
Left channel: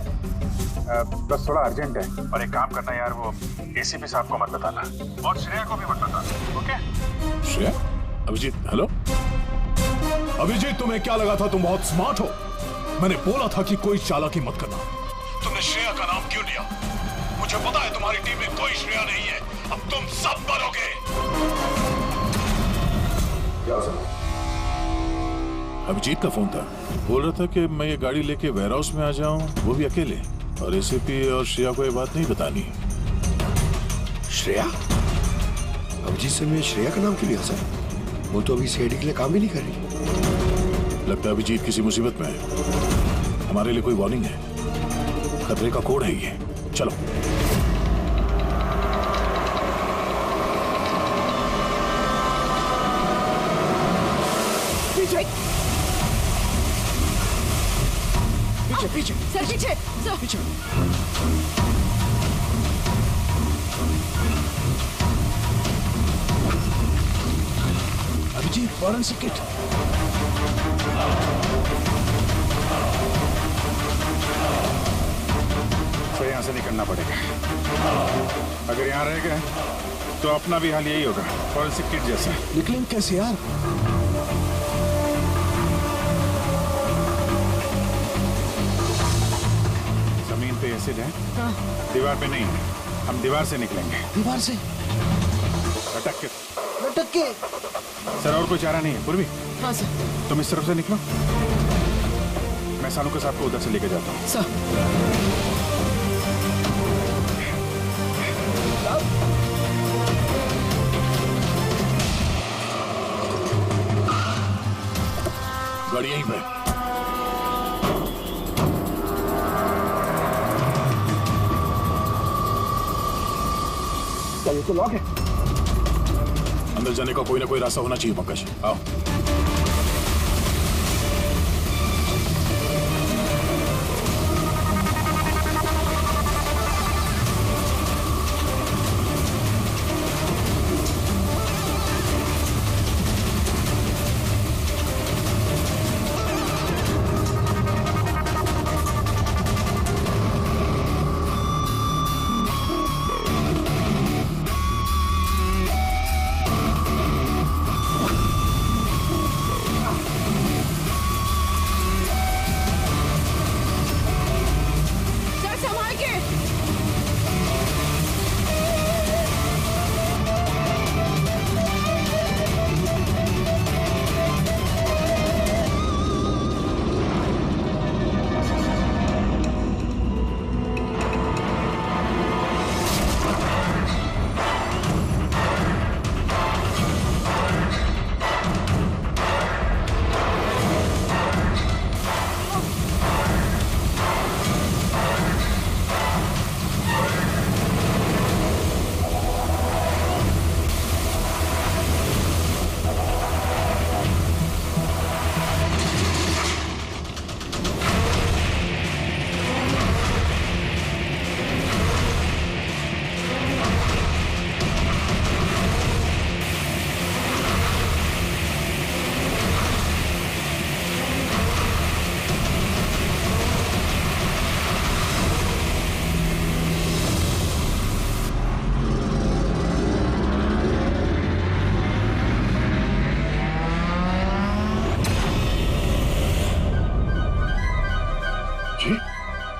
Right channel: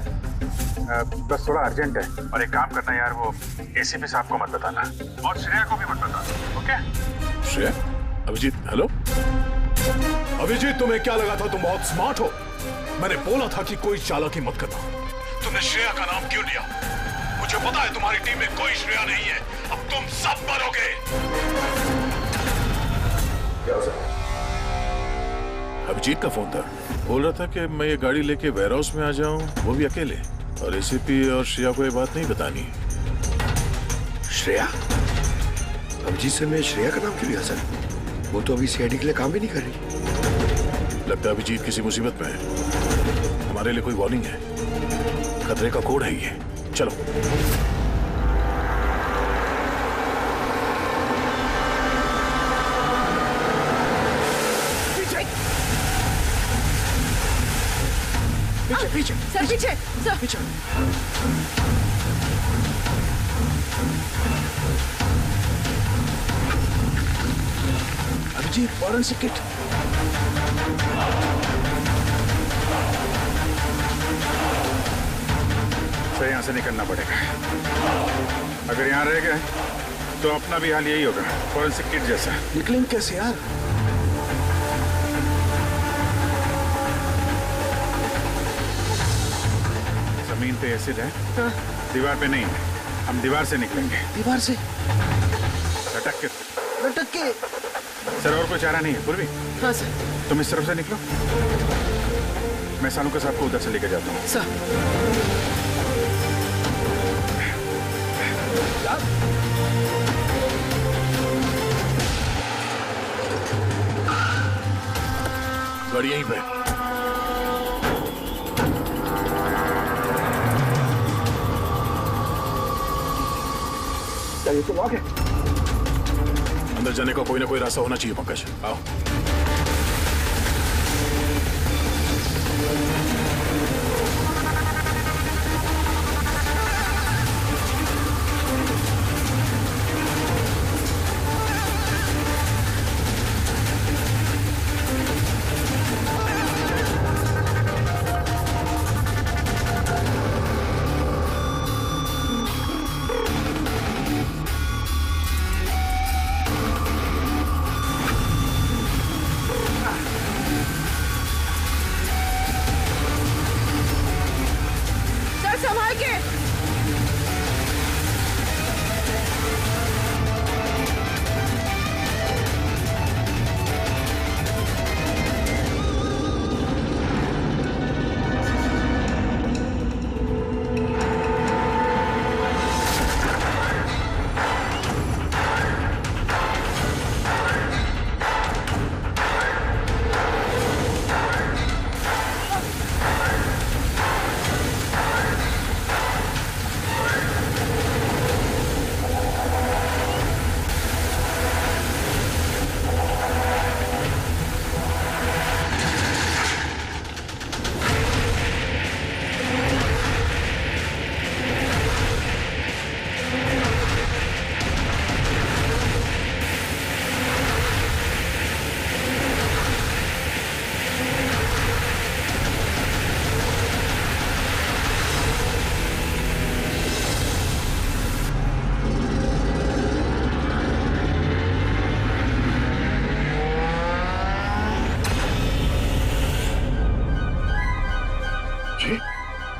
बस थोड़ा अर्जेंट है। और एक काम करना यार, वो एसीपी साहब को मत बताना और श्रेया को भी मत बताना, ओके? श्रेया? अभिजीत, हेलो अभिजीत, तुम्हें क्या लगा था तुम बहुत स्मार्ट हो? मैंने बोला था कि कोई चालाकी मत करना। तुमने श्रेया का नाम क्यों लिया? मुझे पता है तुम्हारी टीम में कोई श्रेया नहीं है। अब तुम सब मरोगे। अभिजीत का फोन था, बोल रहा था कि मैं ये गाड़ी लेके वेयर हाउस में आ जाऊं, वो भी अकेले, और एसीपी और श्रेया को ये बात नहीं बतानी। श्रेया? अभिजीत से मैं श्रेया का नाम क्यों लिया सर? वो तो अभी सीआईडी के लिए काम भी नहीं कर रही। लगता है अभिजीत किसी मुसीबत में है। हमारे लिए कोई वार्निंग है, खतरे का कोड है ये। चलो। पीछे पीछे सर पीछे सर पीछे। Abhijit forensic kit. सर यहाँ से निकलना पड़ेगा। अगर यहाँ रह गए तो अपना भी हाल यही होगा, फॉरेंसिक किट जैसा। निकलेंगे कैसे यार? जमीन पे एसिड है, दीवार पे नहीं है। हम दीवार से निकलेंगे। दीवार से लटक के। लटक के? सर और कोई चारा नहीं है पूर्वी? हाँ सर। तुम इस तरफ से निकलो, मैं सालू साहब को उधर से लेकर जाता हूँ। सर गाड़ी यहीं पे। क्या ये तो लॉक है? अंदर जाने का कोई ना कोई रास्ता होना चाहिए पंकज, आओ।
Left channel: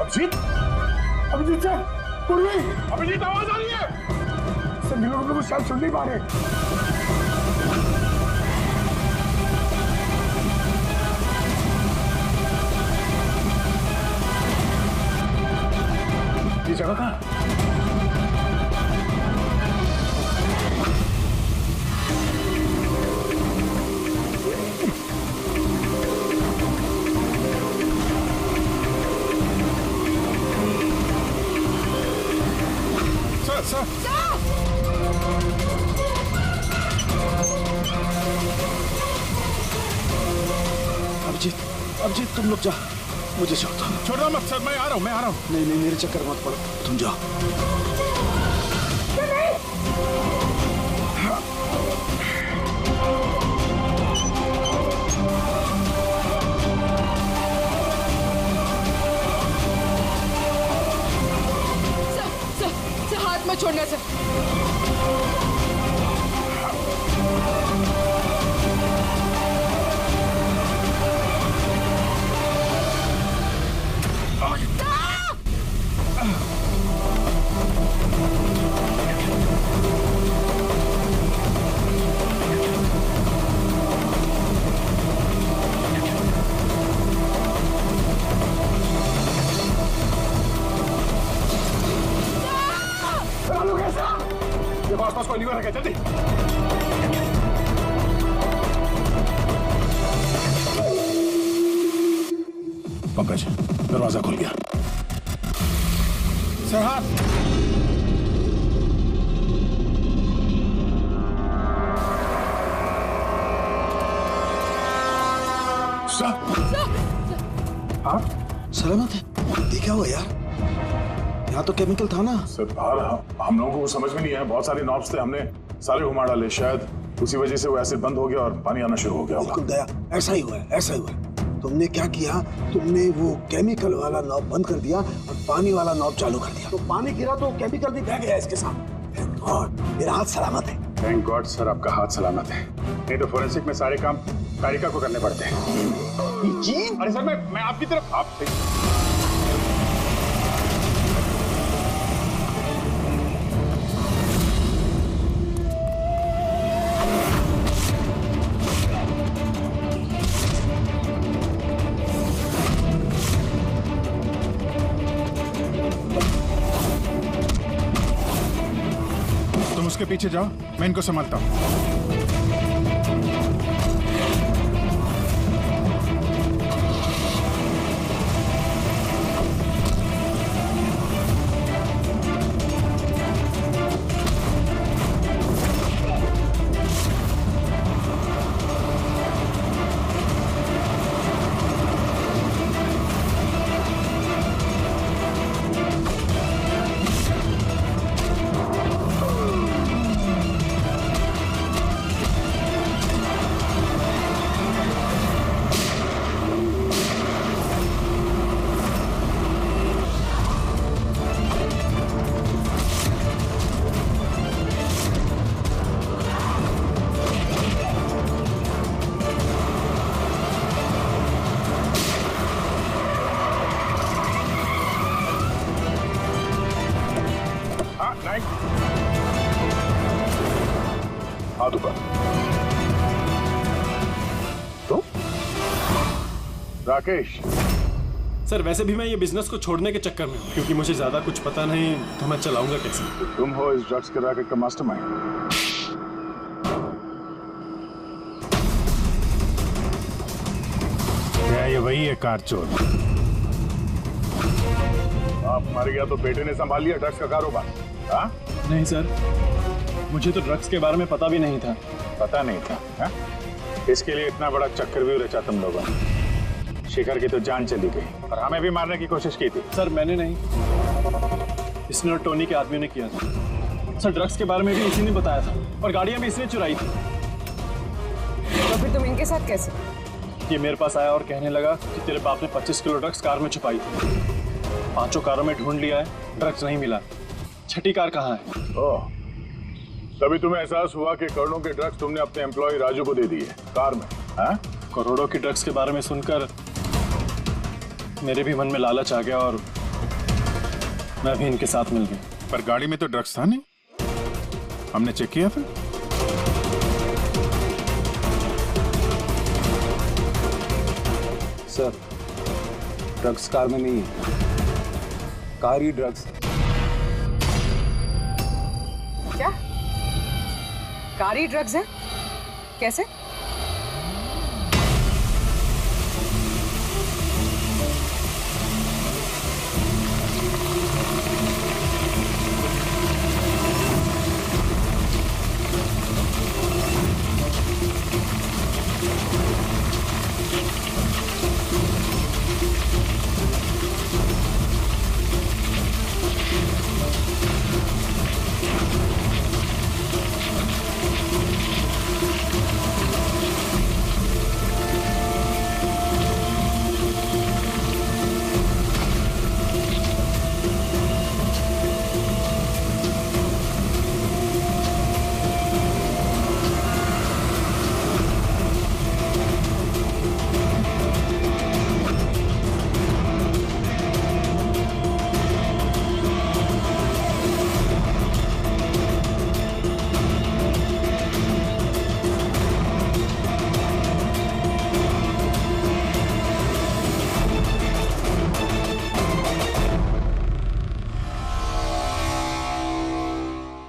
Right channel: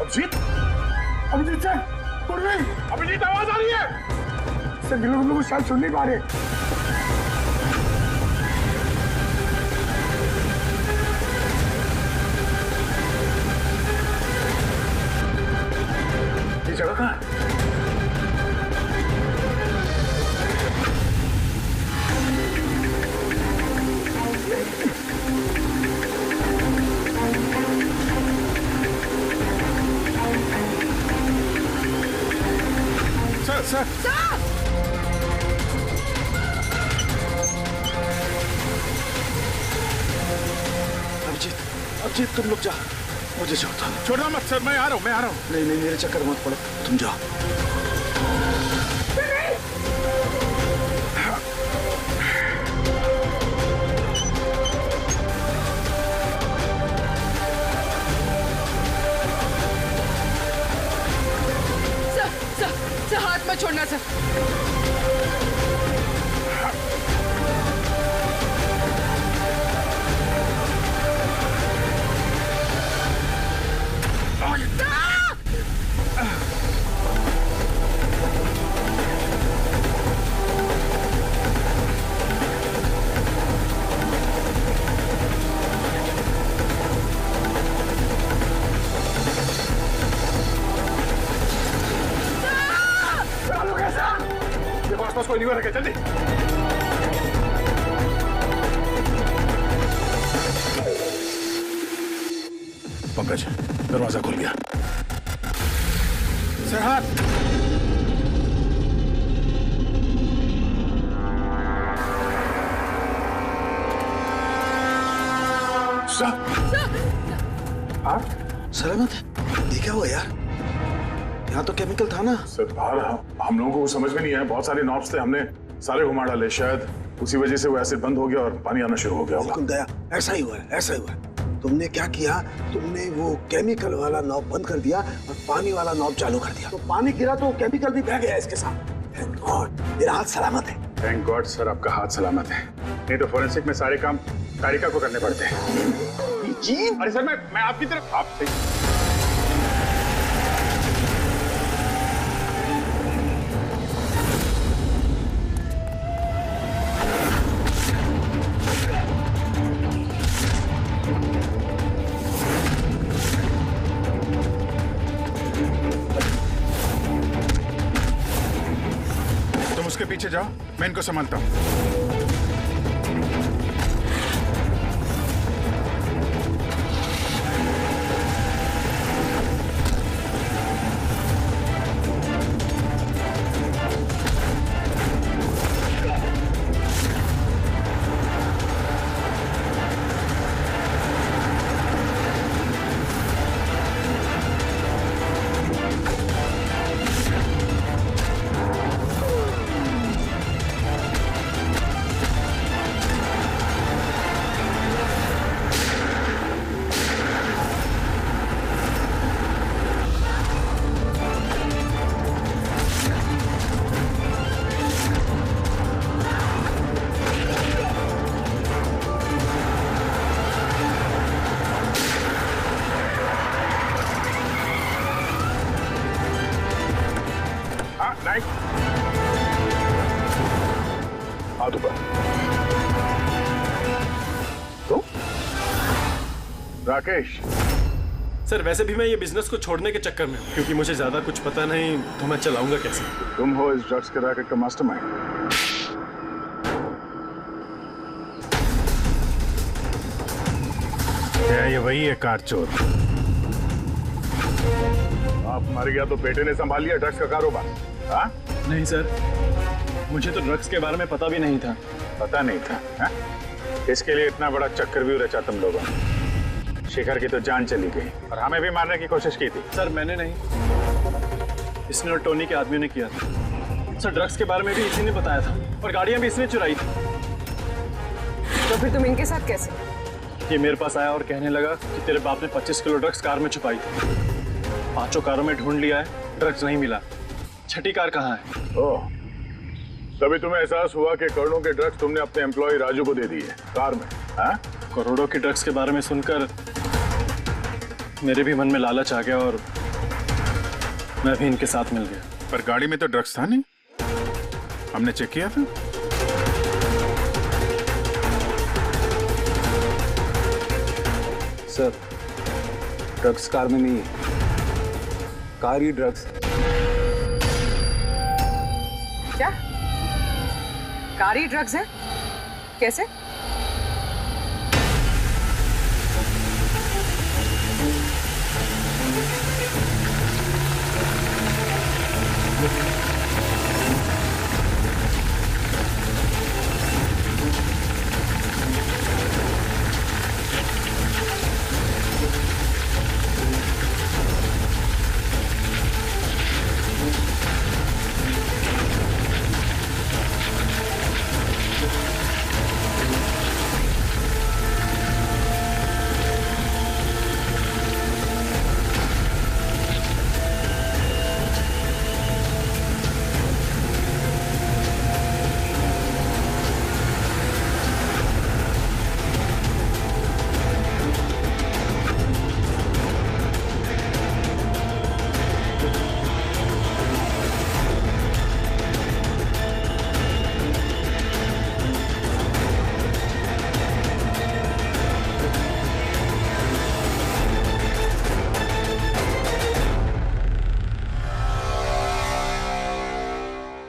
अभिजीत, अभिजीत सर, पूर्वी, अभिजीत आवाज आ रही है। सर ये लोग हम लोग शायद सुन नहीं पा रहे। ये जगह कहाँ है? सर अभिजीत तुम लोग जा, मुझे छोड़ो मत सर, मैं आ रहा हूँ। नहीं मेरे चक्कर मत पड़ो, तुम जाओ। सर हाथ मत छोड़ना सर। देखो आसपास कोई नहीं रखा, जल्दी। पंकज दरवाजा खुल गया। सर हाथ। हाँ सलामत है? ये क्या हुआ यार? यहाँ तो केमिकल था ना। सर बाहर हम लोगों को समझ में नहीं आया, बहुत सारे नॉब्स थे, हमने सारे घुमा डाले, शायद उसी वजह से वो एसिड बंद हो गया और पानी आना शुरू हो गया होगा। बिल्कुल दया, ऐसा ही हुआ है, ऐसा ही हुआ है। तुमने क्या किया? तुमने वो केमिकल वाला नॉब बंद कर दिया और पानी वाला नॉब चालू कर दिया, तो पानी गिरा तो केमिकल भी बह गया इसके साथ। थैंक गॉड मेरा हाथ सलामत है। थैंक गॉड सर आपका हाथ सलामत है, नहीं तो फोरेंसिक में सारे काम कारिका को करने पड़ते हैं। जी अरे सर मैं आपकी तरफ आपसे तुम उसके पीछे जाओ, मैं इनको संभालता हूँ। हाथ ऊपर। तो राकेश सर वैसे भी मैं ये बिजनेस को छोड़ने के चक्कर में हूँ, क्योंकि मुझे ज्यादा कुछ पता नहीं, तो मैं चलाऊंगा कैसे? तुम हो इस ड्रग्स के रैकेट का मास्टरमाइंड। क्या ये वही है कार चोर? आप मर गया तो बेटे ने संभाल लिया ड्रग्स का कारोबार? हाँ? नहीं सर, मुझे तो ड्रग्स के बारे में पता भी नहीं था। पता नहीं था हा? इसके लिए इतना बड़ा चक्कर भी रचा तुम लोगों ने। शिखर की तो जान चली गई और हमें भी मारने की कोशिश की थी। सर मैंने नहीं, इसने और टोनी के आदमियों ने किया था। सर ड्रग्स के बारे में भी इसी ने बताया था और गाड़ियां भी इसने चुराई थी। तो फिर तुम इनके साथ कैसे? ये मेरे पास आया और कहने लगा कि तेरे बाप ने 25 किलो ड्रग्स कार में छुपाई थी। 5 कारों में ढूंढ लिया है, ड्रग्स नहीं मिला। 6ठी कार कहाँ है? ओह, तभी तुम्हें एहसास हुआ कि करोड़ों के ड्रग्स तुमने अपने एम्प्लॉय राजू को दे दिए कार में। हाँ? करोड़ों की ड्रग्स के बारे में सुनकर मेरे भी मन में लालच आ गया और मैं भी इनके साथ मिल गया। पर गाड़ी में तो ड्रग्स था नहीं, हमने चेक किया था। सर ड्रग्स कार में नहीं है, कार ही ड्रग्स है। क्या? कार ही ड्रग्स है? कैसे?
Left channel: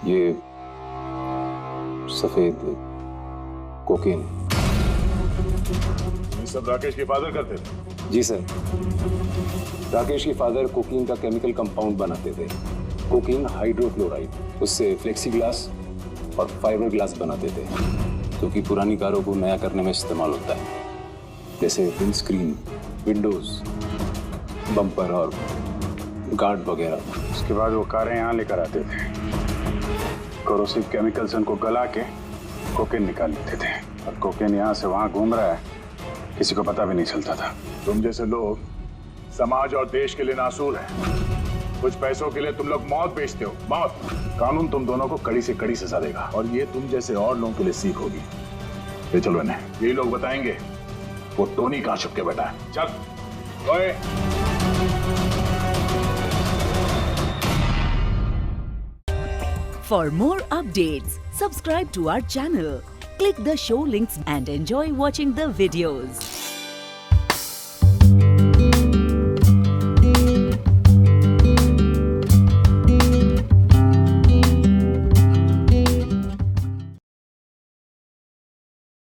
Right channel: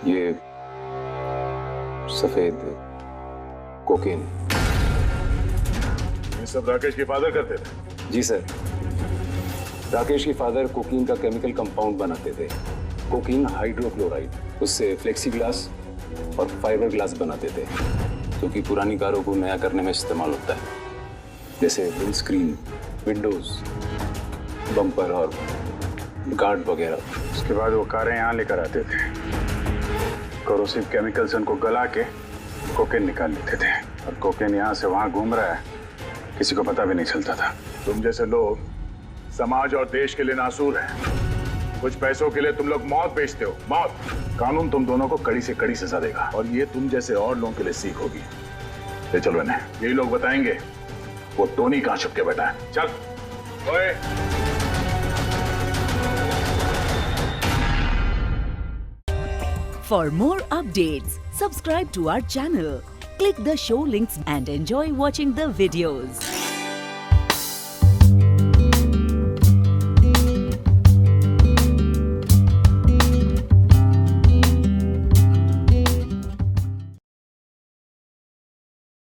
ये सफेद कोकीन। ये सब राकेश के फादर करते थे? जी सर, राकेश के फादर कोकीन का केमिकल कंपाउंड बनाते थे, कोकीन हाइड्रोक्लोराइड। उससे फ्लेक्सी ग्लास और फाइबर ग्लास बनाते थे, जो कि पुरानी कारों को नया करने में इस्तेमाल होता है, जैसे विंड स्क्रीन, विंडोज, बम्पर और गार्ड वगैरह। उसके बाद वो कारें यहाँ लेकर आते थे, कोरोसिव केमिकल से उनको गला के कोकेन निकाल लेते थे, और कोकेन यहाँ से वहाँ घूम रहा है, किसी को पता भी नहीं चलता था। तुम जैसे लोग समाज और देश के लिए नासूर हैं। कुछ पैसों के लिए तुम लोग मौत बेचते हो, मौत। कानून तुम दोनों को कड़ी से कड़ी सजा देगा, और ये तुम जैसे और लोगों के लिए सीख होगी। ले चलो इन्हें, यही लोग बताएंगे वो टोनी कहाँ छुप के बैठा है। चल ओए। For more updates, subscribe to our channel, click the show links and enjoy watching the videos.